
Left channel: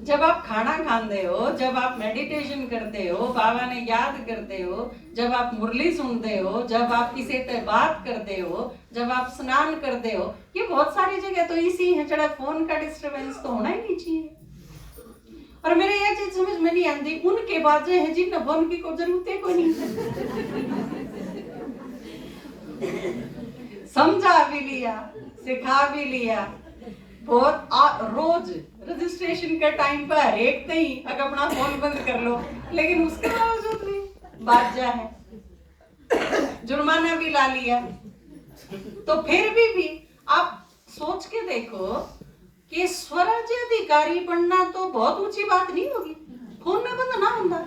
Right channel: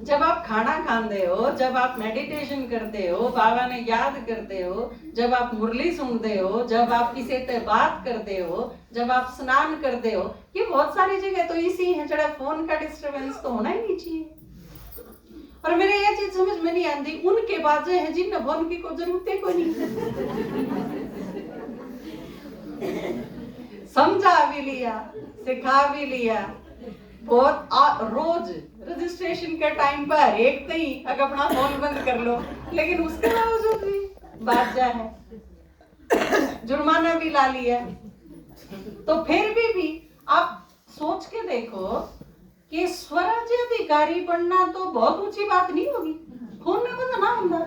जब आप खाना खाते हो, जब आप मेडिटेशन करते हो, बाबा ने याद करते हो, जब आप मुरली सुनते हो, जब आप किसी से बात करते हो, जब आप स्नान करते हो, ये बहुत सारी जगह तो इसी है जरा फोन का डिस्टरबेंस तो होना ही नहीं चाहिए। और मेरे यह चीज समझ में नहीं आती, उनके बाजे हैं जिन फोन की कोई जरूरत है कोई नहीं। समझा भी लिया, सिखा भी लिया, बहुत रोज रजिस्ट्रेशन के टाइम पर हर एक कहीं अगर अपना फोन बंद कर लो, लेकिन उसके बावजूद भी बाजा है, जुर्माना भी ला लिया। तो फिर भी आप सोच के देखो कि स्वराज्य अधिकारी बनना तो बहुत ऊंची बात नहीं होगी, फोन में बंद ना बंदा।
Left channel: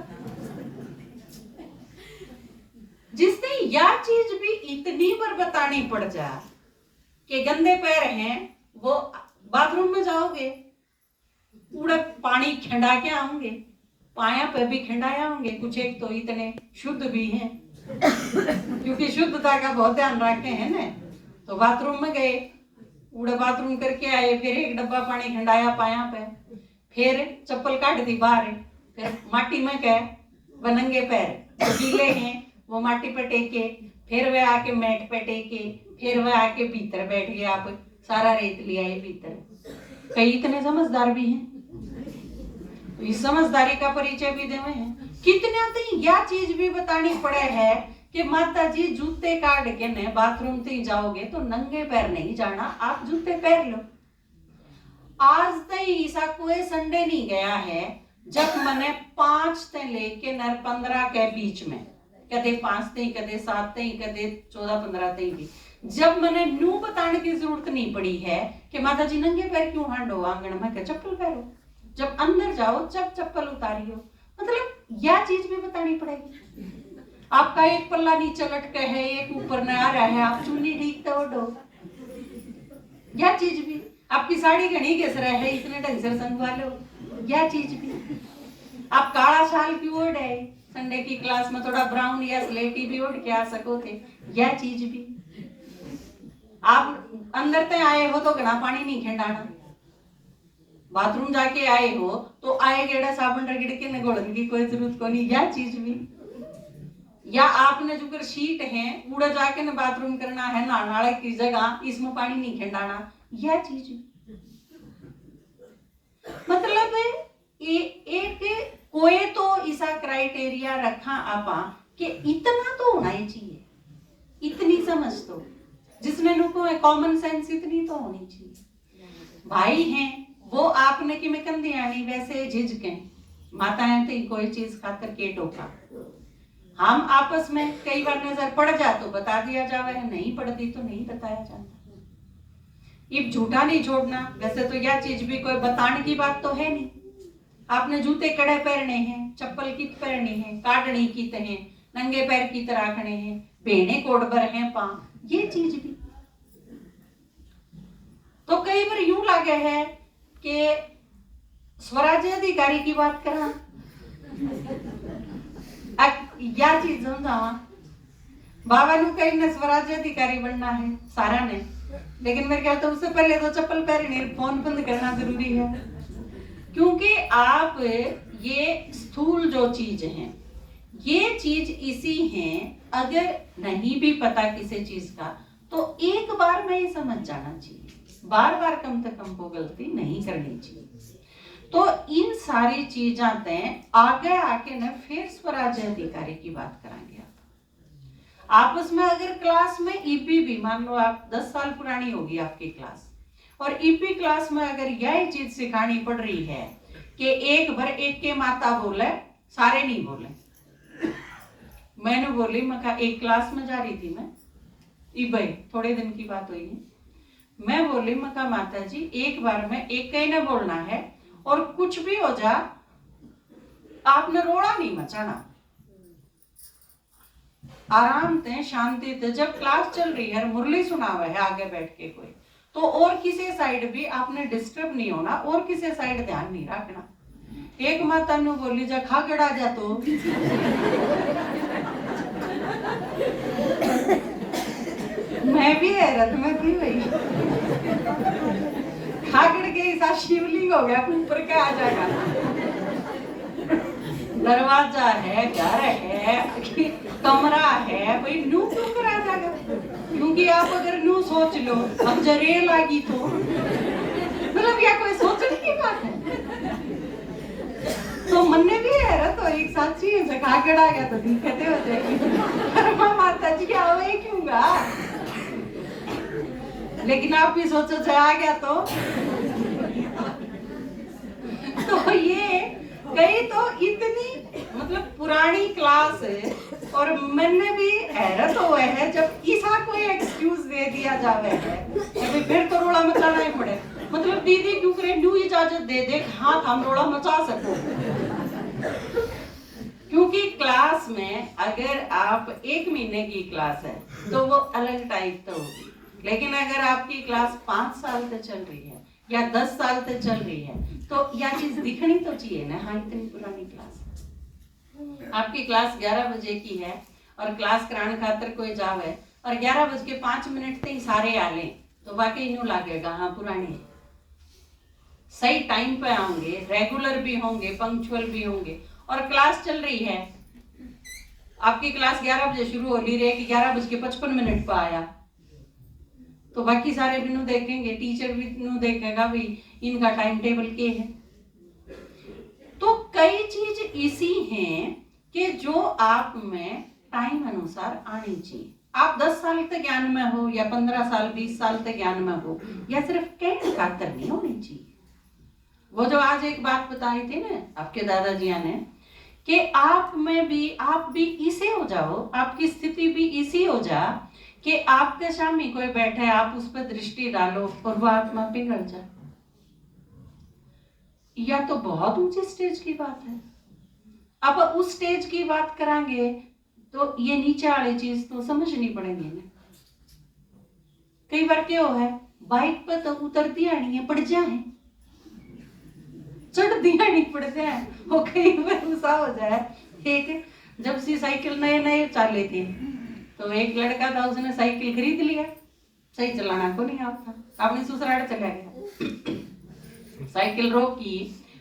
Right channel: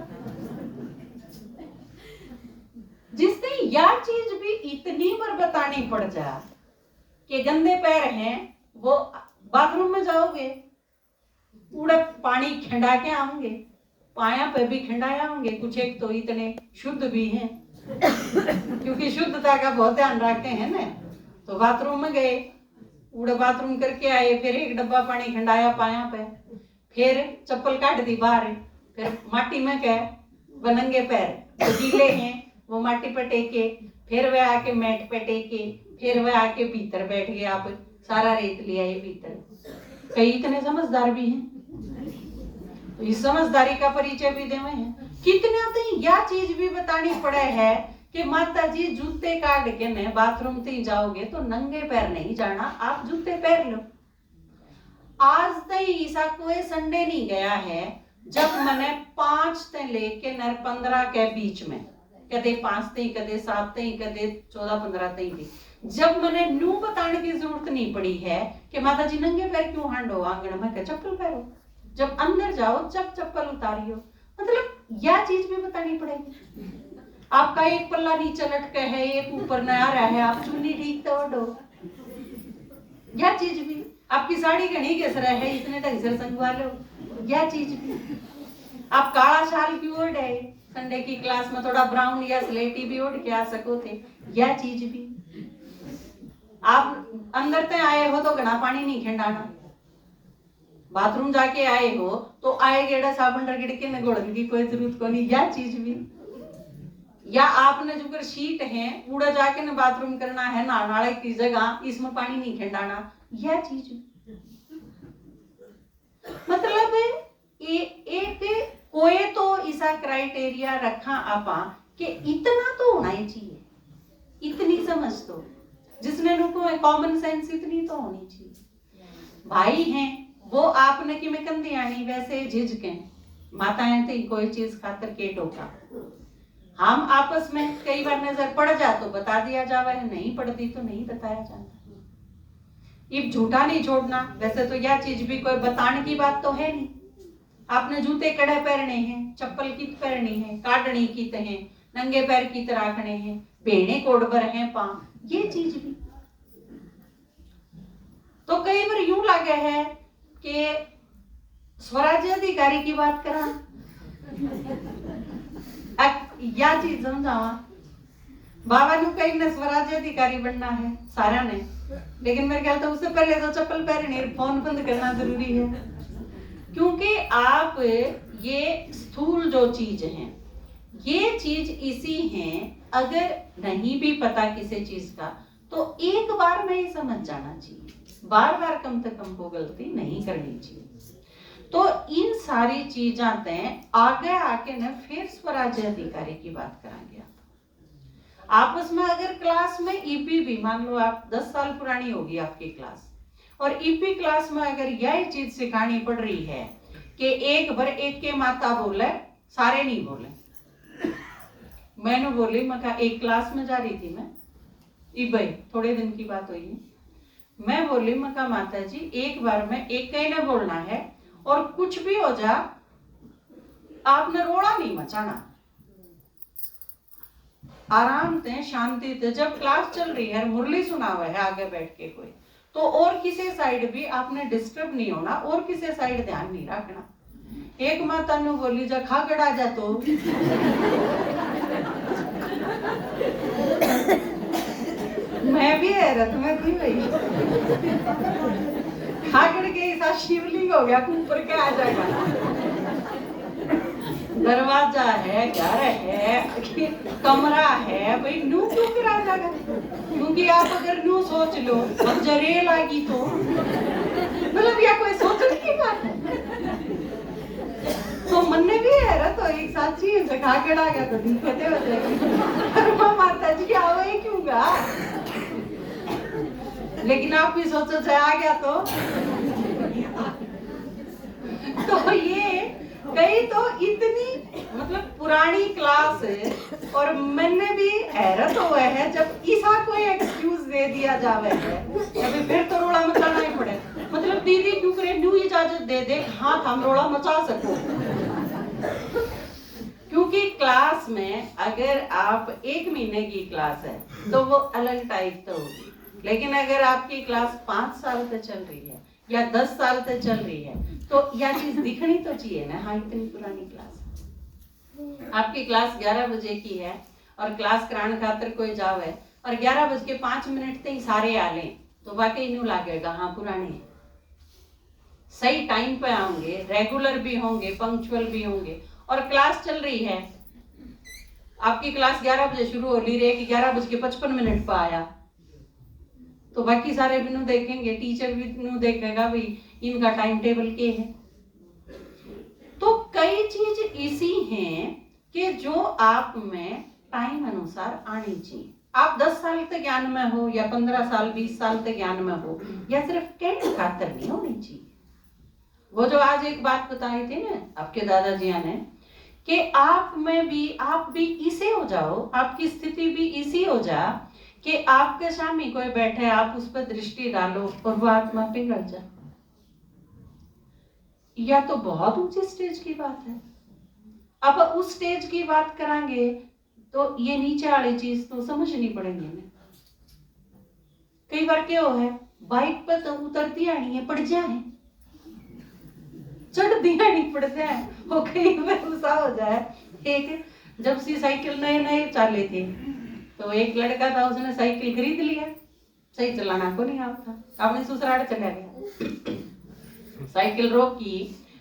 जिसने यह चीज भी इतनी बार बतानी पड़ जा कि गंदे पैर हैं, वो बाथरूम में जाओगे, पूरा पानी खिंडा के आओगे, पाया पे भी खिंडाया होंगे, कुछ एक तो इतने शुद्ध भी हैं क्योंकि शुद्धता का बहुत ध्यान रखते हैं ना। तो बाथरूम में गए, पूरा बाथरूम करके आए, फिर एक डब्बा पानी खिंडाया पाया पे, फिर चप्पल काट दी बाहर, फिर माटी में गए, बनंगे पैर तो गीले हैं वो माटी पे टेके, फिर वह आके मैट पे टेके, फिर वह आके भीतर बैठ गए, आप सारा रेत लिया ये भीतर। कई इतने समझदार भी हैं, तो इस समझदारी का परिचय भी देवे हैं। कितने तो यह चीज भी बतानी पड़े है कि माता जी जूते काट के ने बाथरूम से जाओगे तो नंगे पैर नहीं जाना, आप जूते पहन लो। आज तक ऐसा कोई संडे नहीं गया है जब मैंने 5 से लेके 15 के बीच में, कदे 5 से कदे 7 से कदे 14-15 तक, जब मैंने न्यू बताने की जरूरत नहीं पड़ी है कि माता जी नंगे पैर क्यों हांडो आंगन में, क्या चप्पल पहनो, जब अंदर जाओ जब चप्पल उतारियो। मतलब यह चीज भी बतानी पड़ेगी। आपका एक पल्ला नीचे लटके है, एक ऊपर न आ रहा है, आप चुन्नी ठीक तो ओढ़ो, यह चीज भी। आपकी साड़ी घनी घिस रहा है, इतने ढंग से संगवा लो, यह चीज भी। आप काला शाल क्यों ओढ़ है, संडे की क्लास में थोड़ा ब्राउन या स्लेटी भी ओढ़ के आ सको थे, यह चीज भी। आप अंदर तक आए हो तो घना पानी नहीं खिंडाना, बाथरूम जाके आए हो तो आए गेड़ा साबुन रगड़ के न घोड़ने की कोई जरूरत को नहीं, यह चीज भी। या आपने जो कर शीट है उड़ा जाके न बाथरूम करना है, नाले की जगह इसमें पानी नहीं खिंडाना, यह चीज भी। मतलब एक कोई तो ऐसा क्राइटेरिया रखा आपा कि इतना तो होना ही चाहिए, इतनी समझ तो, जिसने लोगों में कॉमन सेंस इतनी तो होनी चाहिए। भाई हैं वो आपने कि मैं कंधे आनी वैसे झिझके, माताएं थी कोई चीज खाकर के टोका, हम आपस में कई बार नजर पड़ जा तो बता दिया जावे, नहीं पड़ती तो नहीं बताया जाता। ये झूठा नहीं छोड़ना, वैसे तो यह चीज भी कोई बताने की बात तो है नहीं। आपने जूते कड़े पहनने हैं, चप्पल कित पहननी है, काटनी कित है, नंगे पैर की तरह रखने हैं, भेड़े कोडबर हैं पांव, ये चीज भी। तो कई बार यूं लगे है कि स्वराज्य अधिकारी की बात करा, यह चीज समझावा, बाबा ने कहीं ने स्वराज्य अधिकारी बनना है सारा ने, लेकिन मेरे ख्याल तो उससे पहले तो चप्पल पहननी, फोन बंद करना जरूरी है। क्योंकि आप ये स्थूल जो चीज है, ये चीज इसी है, अगर नहीं भी पता किसी चीज का तो एक बार में ही समझ जाना चाहिए, बार बार कम से कम को गलती नहीं करनी चाहिए। तो इन सारी चीजें तय आगे आके न फिर स्वराज्य अधिकारी की बात कराएंगे। आपस में अगर क्लास में ईपी भी, मान लो आप 10 साल पुरानी होगी आपकी क्लास, और ईपी क्लास में अगर यही चीज सिखानी पड़ रही है कि एक भर एक के माता बोले, सारे नहीं बोले। मैंने बोली, मैं एक क्लास में जा रही थी मैं, भाई थोड़े दिन की बात हुई है, मैं बोली मैं माता जी एक बार में एक कहीं ना बोलना है और कुछ भी हो जा आपने रोड़ा नहीं मचाना, आराम से शांति से, जब क्लास चल रही है मुरली सुना हुआ है आगे बैठ के कोई, तो और किसी साइड भी आपने डिस्टर्ब नहीं होना और किसी साइड ध्यान नहीं रखना। एक माता ने बोली जा खागड़ा जा तो मैं भी हैरत में थी भाई, खागड़ के ऐसा शिवलिंग हो गया, ऊपर का आ जाएगा। दरवाजा है, घर है, कमरा है, भाई नू क्यों करा जाएगा? क्योंकि आप अगर नू सोच लो अब जरे लागी तो मतलब यह कोई सोचने की बात है। तो मन में भी है तो एक साथी है खागड़ आ गया तो दिक्कतें हो जाएगी। माता जी आवे क्यों गा? लेकिन आप भी सोचो चाहे आ गया तो ये कई तो इतनी मतलब पुरानी क्लास है और मैंने भी हैरत हुआ है जब ईसा कोई एक्सक्यूज दे दिया जावे है अभी फिर तो रोड़ा मचाना ही पड़े। मतलब दीदी क्यों करे, न्यू इजाजत दे दे हाथ हम रोड़ा मचा सको। क्योंकि क्लास में अगर आप 1 महीने की क्लास है तो वो अलग टाइप तो होगी, लेकिन अगर आपकी क्लास 5 साल से चल रही है या 10 साल से चल रही है तो यह चीज दिखनी तो चाहिए ना। हाँ इतनी पुरानी क्लास, आपकी क्लास 11 बजे की है और क्लास कराने खातर कोई जावे और 11:05 से ही सारे आ लें तो वाकई न्यू लागेगा हाँ पुराने। सही टाइम पे आएंगे, रेगुलर भी होंगे, पंक्चुअल भी होंगे। और क्लास चल रही है, आपकी क्लास 11 बजे शुरू हो रही है कि 11:55 पर आया तो बाकी सारे भी नू देखेंगे, टीचर भी नू देखेगा भाई इनका टाइम टेबल क्या है। तो कई चीज ऐसी हैं कि जो आप में टाइम अनुसार आनी चाहिए। आप 10 साल के ज्ञान में हो या 15 साल 20 साल के ज्ञान में हो या सिर्फ कहने खातर नहीं होनी चाहिए। वो जो आज एक बात बताई थी ना आपके दादाजी ने कि आप भी इसे हो जाओ, आपकी स्थिति भी इसी हो जा कि आपके सामने कोई बैठे, आप उस पर दृष्टि डालो और वो आत्मा पिघल जाए। या तो बहुत ऊंचे स्टेज की बात है। अब उस स्टेज की बात करांगे तो ये नीचे वाली चीज तो समझनी पड़ेगी ना। कई बार क्या है बाइक पर तो उतरती आनी है पड़ जाए, चढ़ दिया नहीं पड़ जाए, वो कई बार गुस्सा हो जाए। एक जब सी साइकिल नए चाले थे तो एक लड़का था उसने साइकिल खरीद लिया, सही चलाना को नहीं आता, अपने ससुराल चला गया। साइकिल रोकी,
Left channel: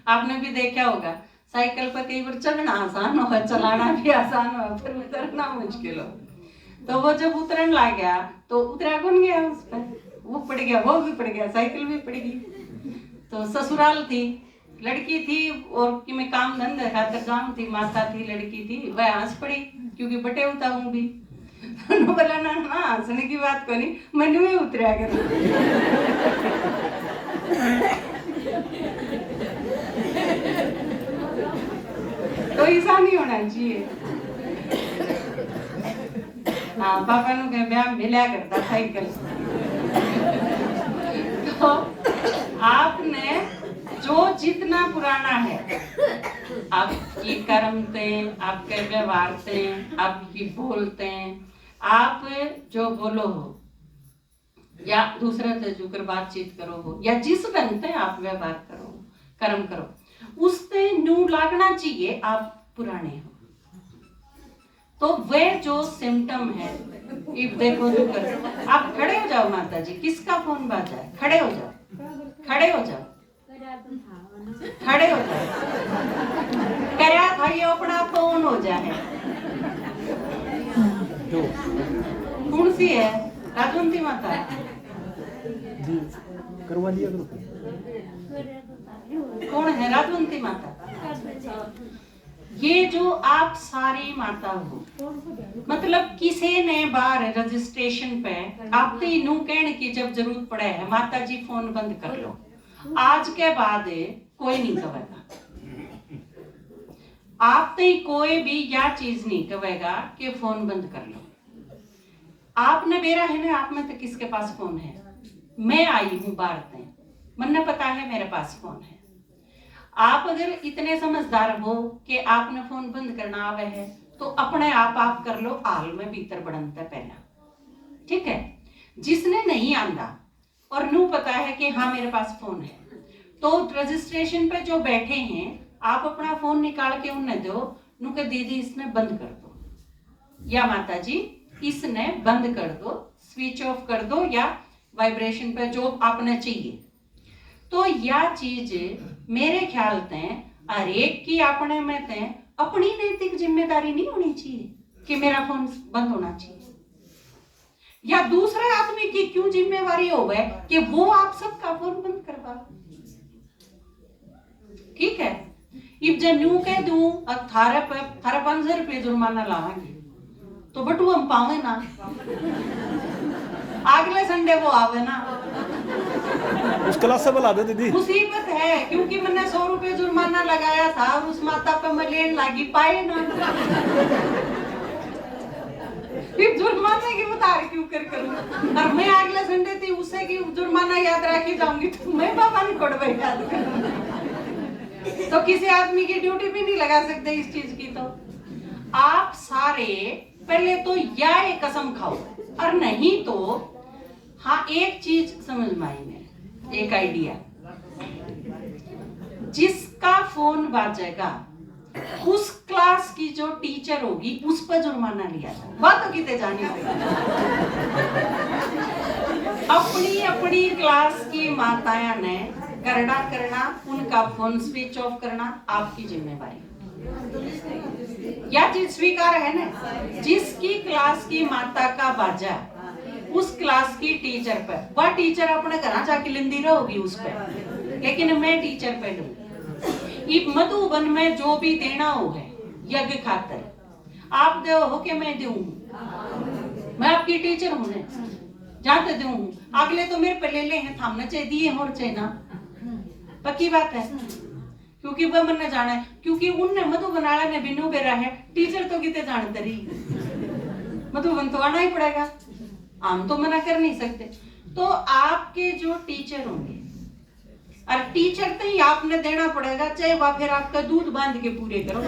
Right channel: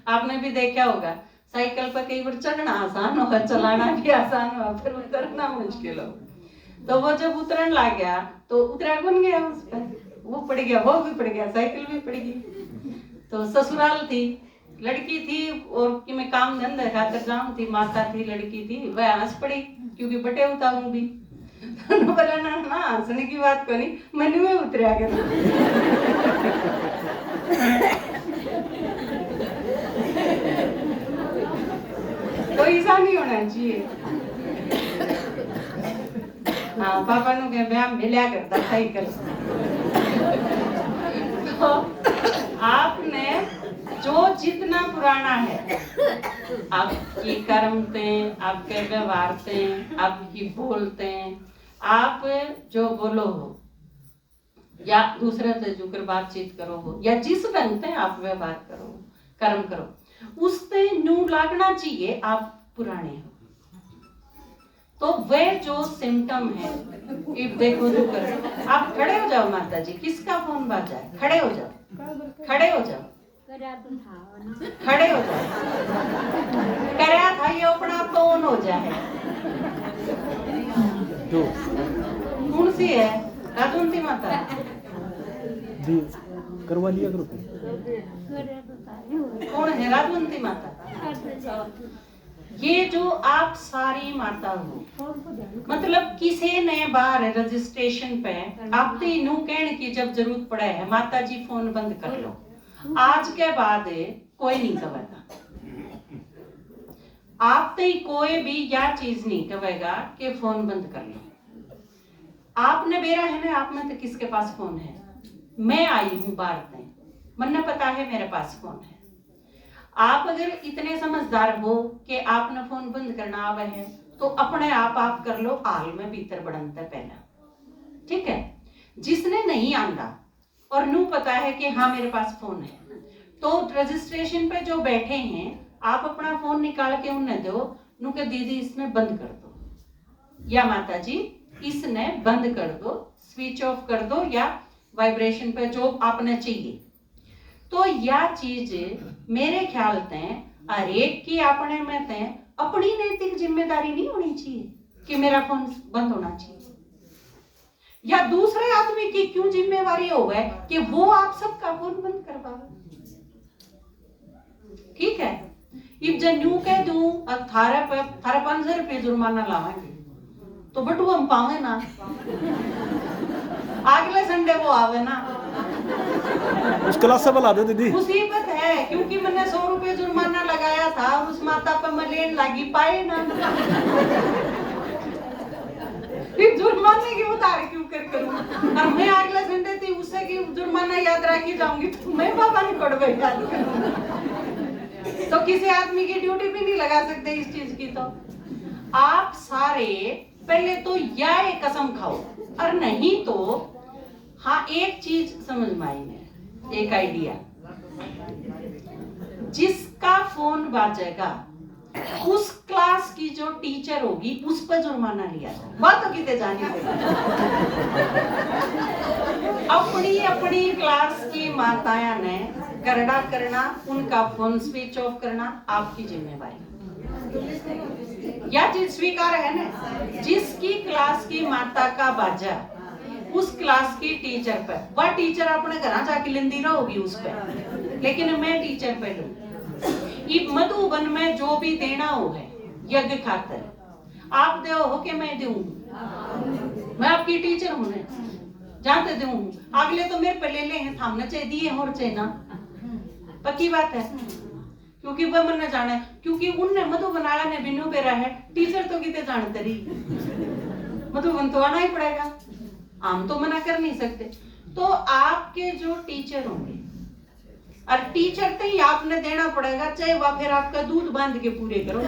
आपने भी देखा होगा साइकिल पर कई बार चढ़ना आसान हो चलाना भी आसान हो फिर उतरना मुश्किल हो। तो वो जब उतरन लग गया तो उतरा कौन गया उस पर, वो पड़ गया, वो भी पड़ गया, साइकिल भी पड़ गई। तो ससुराल थी, लड़की थी और कि मैं काम धंधा खातर जाऊं थी, माता थी, लड़की थी, वह हंस पड़ी क्योंकि बटे उता हूं भी। बोला ना हंसने की बात को नहीं, मन में उतरा कर तो ऐसा नहीं होना चाहिए। हाँ पापा नु कहे मैं मिला करता साइकिल। तो आपने जो जितना पुराना है आपकी कर्मते, आपके व्यवहारते, आपकी बोलते, आप जो बोलो हो या दूसरे से जुकर बातचीत करो हो या जिस ढंग से आप व्यवहार करो कर्म करो उससे न्यू लागना चाहिए आप पुराने हो। तो वे जो सिम्टम है इफ देखो जो कर आप खड़े हो जाओ माता जी, किसका फोन बाजा है, खड़े हो जाओ, खड़े हो जाओ, खड़े हो जाओ, करया था ये अपना फोन हो जाए। कौन सी है? राजवंती माता जी करवा लिया करो। कौन है राजवंती माता? ये जो आप सारी माता हो, मतलब किसी ने बार रजिस्ट्रेशन पे आपके नू कहने की जब जरूरत पड़े है माता जी फोन बंद कर लो, आज के बाद कोई नहीं कहेगा, आप तो कोई भी यह चीज नहीं कहेगा कि फोन बंद कर लो। आपने मेरा है ना, आप में तो किसके पास फोन है? मैं आई हूं बाहर में, मन पता है मेरे पास फोन है। आप अगर इतने समझदार हो कि आपने फोन बंद करना आवे है तो अपने आप कर लो, हाल में भीतर बढ़नता पहला, ठीक है। जिसने नहीं आंदा और नू पता है कि हाँ मेरे पास फोन है, तो रजिस्ट्रेशन पे जो बैठे हैं आप अपना फोन निकाल के उन्हें दो, नू के दीदी इसने बंद कर दो या माता जी इसने बंद कर दो, स्विच ऑफ कर दो या वाइब्रेशन पे जो आपने चाहिए। तो यह चीज मेरे ख्याल ते हर एक की अपने में ते अपनी नैतिक जिम्मेदारी नहीं होनी चाहिए कि मेरा फोन बंद होना चाहिए, या दूसरे आदमी की क्यों जिम्मेवारी हो गए कि वो आप सबका फोन बंद करवा। ठीक है, इब जब न्यू कह दूं थारे 500 रुपये जुर्माना लावांगे तो बटू हम पावे ना, अगले संडे वो आवे ना, उस क्लास से बुला दे दीदी। मुसीबत है क्योंकि मैंने 100 रुपये जुर्माना लगाया था और उस माता पे मैं लेन लागी पाए ना, फिर जुर्माने की उतार क्यों कर करूं, और मैं अगले संडे थी उसे की जुर्माना याद रखी जाऊंगी तो मैं बाबा नहीं पड़ बैठा। तो किसी आदमी की ड्यूटी भी नहीं लगा सकते इस चीज की। तो आप सारे पहले तो या एक कसम खाओ, और नहीं तो हाँ एक चीज समझ में आई मेरे, एक आइडिया, जिसका फोन बाजेगा उस क्लास की जो टीचर होगी उस पर जुर्माना लिया था, बात तो कितने जानी अपनी अपनी क्लास की माताएं ने करना करना, उनका फोन स्विच ऑफ करना आपकी जिम्मेवारी। यह चीज स्वीकार है ना, जिसकी क्लास की माता का बाजा उस क्लास की टीचर पर, वह टीचर अपने घर जाके लेंदी रहोगी उस पर, लेकिन मैं टीचर पे दूं। ये मधुबन में जो भी देना हो है यज्ञ खातर, आप दो हो कि मैं दूं, मैं आपकी टीचर हूं ने जाते दूं, अगले तो मेरे पे ले ले हैं, थामने चाहिए दिए और चाहिए ना, पक्की बात है, क्योंकि वह मन जाने, क्योंकि उनने मधुबन वाला ने बिनु बेरा है, टीचर तो कितने जानते रही, मधुबन तो आना ही पड़ेगा, हम तो मना कर नहीं सकते। तो आपके जो टीचर होंगे, और टीचर तो ही आपने देना पड़ेगा, चाहे वह फिर आपका दूध बांध के पूरे करो।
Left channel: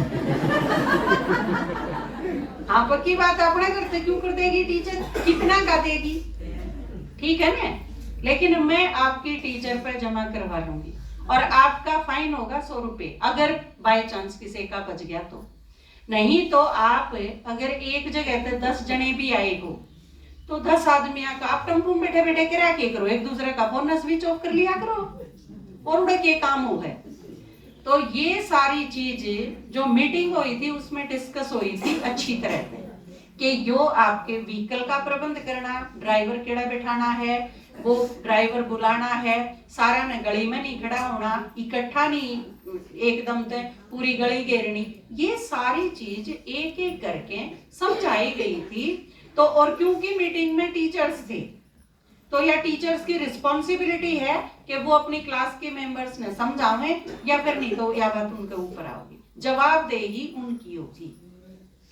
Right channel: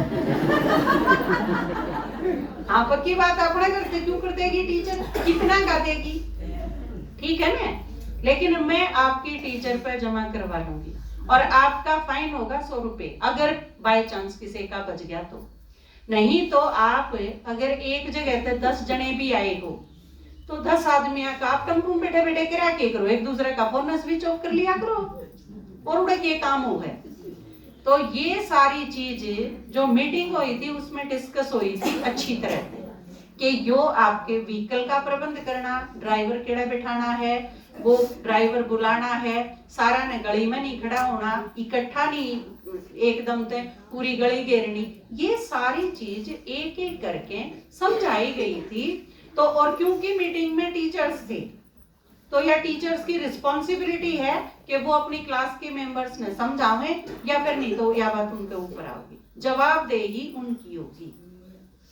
हाँ पक्की बात, अपना करते क्यों कर देगी टीचर, कितना का देगी, ठीक है ना, लेकिन मैं आपकी टीचर पर जमा करवा लूंगी और आपका फाइन होगा 100 रुपए, अगर बाय चांस किसी का बच गया तो। नहीं तो आप अगर एक जगह पे 10 जने भी आए हो तो 10 आदमी का आप टेम्पो में बैठे बैठे करा के करो, एक दूसरे का फोन स्विच ऑफ कर लिया करो और उड़े के काम हो गए। तो ये सारी चीज जो मीटिंग हुई थी उसमें डिस्कस हुई थी अच्छी तरह से कि यो आपके व्हीकल का प्रबंध करना, ड्राइवर केड़ा बिठाना है, वो ड्राइवर बुलाना है, सारा ने गली में नहीं खड़ा होना, इकट्ठा नहीं एकदम से पूरी गली घेरनी, ये सारी चीज एक एक करके समझाई गई थी। तो और क्योंकि मीटिंग में टीचर्स थे तो यह टीचर्स की रिस्पॉन्सिबिलिटी है कि वो अपनी क्लास के मेंबर्स ने समझावें, या फिर नहीं तो यह बात उनके ऊपर आओगी, जवाबदेही उनकी होगी।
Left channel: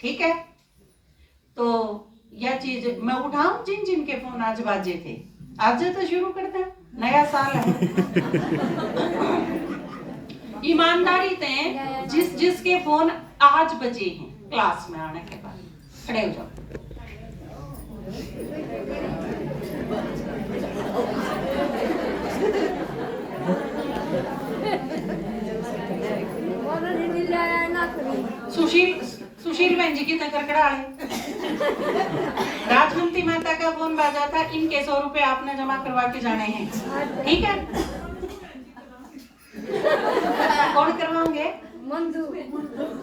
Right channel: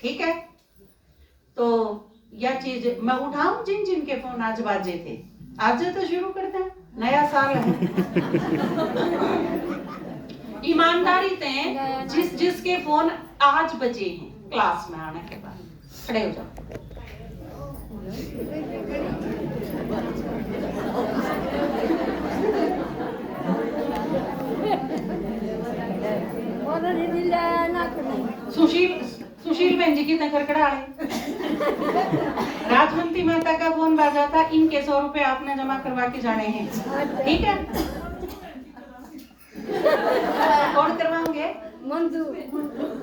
ठीक है, तो यह चीज मैं उठाऊं जिन जिन के फोन आज बाजे थे, आज तो शुरू करते हैं, नया साल है। ईमानदारी से जिस जिसके फोन आज बजे हैं क्लास में आने के बाद खड़े हो जाओ। सुशील बहन जी की खड़खड़ा राजवंती माता का फोन बाजा था, इनके 100 रुपए आपने जमा करवा के जाने हैं, ठीक है। कौन करवाओगे?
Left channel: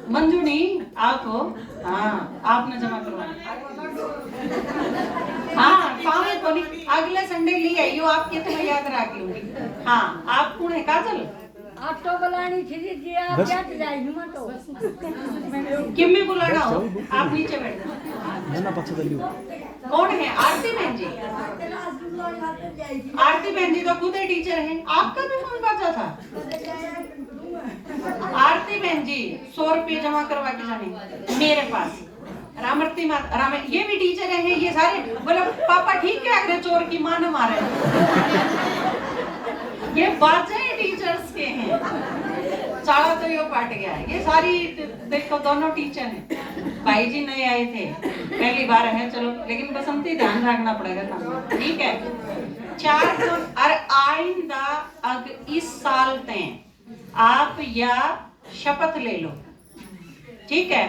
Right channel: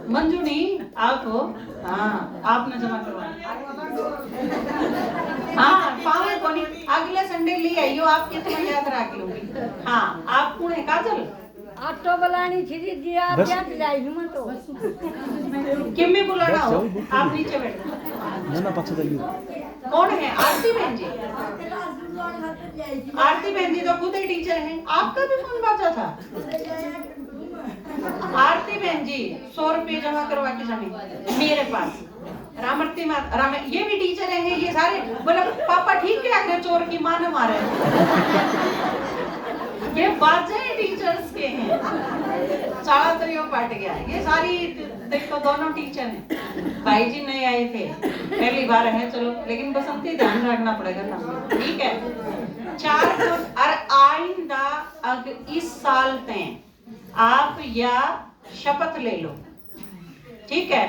मंजू नहीं, आप हो, हाँ आपने जमा करवाना। हाँ पावे को नहीं, अगले संडे ले आइयो, आपके तो मैं याद रख लूंगी। हाँ आप कौन है? काजल आप तो बुलानी थी जी, आप क्या जाएगी मैं तो किम में बुलाना हो, आप नीचे बैठो। ना ना पक्ष जाइयो। कौन है? आरती बहन जी। आरती बहन जी तो खुद ही टीचर हैं, आपका भी फोन बाजा था। आरती बहन जी 100 रुपये जमा करवा के जाने मेरे पास। रामरती माता, राम ये भी टीचर हैं, ये सारे बोला पापा ठीक है, अगर चोर की मां न मारे। ये बाजे टीचर्स के हैं, चाला तो यो पाट गया। ये सारी देखो दोनों टीचर हैं, भाई जी नए आए थे, पहली बार है, चलो लेकिन बसंती ध्यान रखना पड़ेगा ना, ठीक है। 4 फोन और आइंदा अग इस साल तक आप या शपथ ले लो, ठीक है।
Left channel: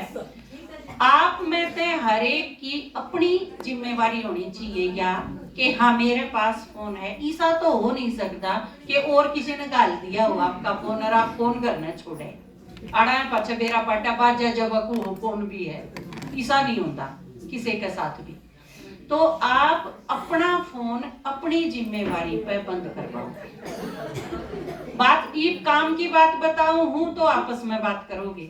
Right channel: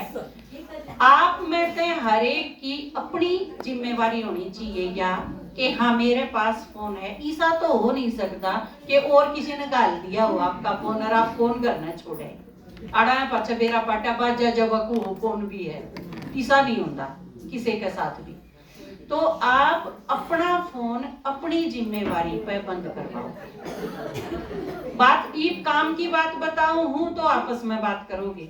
आप में से हर एक की अपनी जिम्मेवारी होनी चाहिए, या कि हाँ मेरे पास फोन है। ऐसा तो हो नहीं सकता कि और किसी ने गाल दिया हो आपका फोन और आप फोन करना छोड़े। आड़ा पाछा बेरा पाटा बाजा जब फोन भी है, ऐसा नहीं होता किसी के साथ भी। तो आप अपना फोन अपनी जिम्मेवारी पे बंद करवाओ। बात ये काम की बात बताऊं हूं तो आपस में बात करोगे,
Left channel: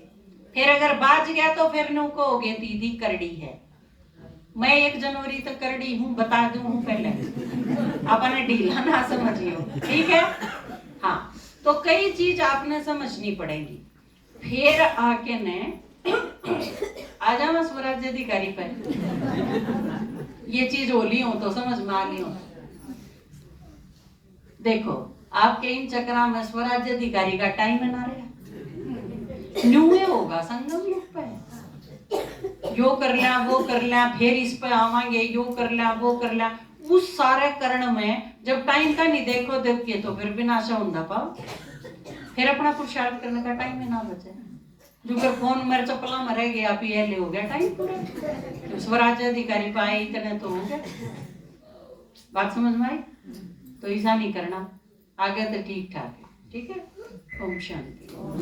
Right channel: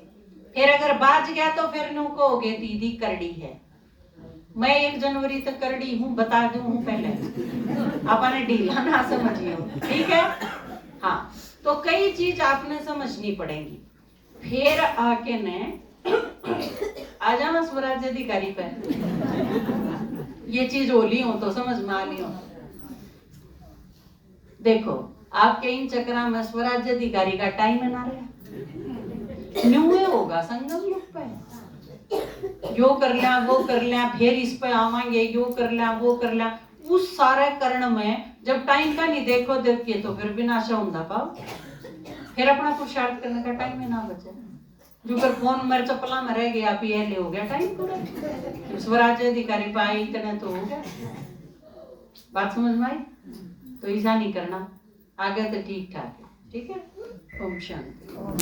फिर अगर बाज गया तो फिर नु कहोगे दीदी करड़ी है। मैं 1 जनवरी तक करड़ी हूं, बता दूं हूं पहले, आपने ढीला ना समझियो, ठीक है। हाँ, तो कई चीज आपने समझनी पड़ेगी। फिर आके ने आ जाओ स्वराज्य अधिकारी पे, ये चीज होली हो तो समझ में आ ली हो। देखो आपके इन चक्रा में स्वराज्य अधिकारी का टाइम है ना रहा, न्यूए होगा संगम युग पे, यो कर लिया वो कर लिया, फिर इस पे आवांगे, यो कर लिया वो कर लिया। उस सारे करण में जब टाइम का नहीं देखो देखिए तो फिर विनाशा होता पाओ, फिर अपना पुरुषार्थ करने का टाइम है ना बचे। जो कर फोन मेरे चपला में रह गया पीएलए हो गया टाइम पूरा, स्वराज्य अधिकारी पाए इतने तो हो गया। बात समझ में आई? तो ऐसा नहीं करना, आगे तो ठीक ठाक है, ठीक है। ओम शांति।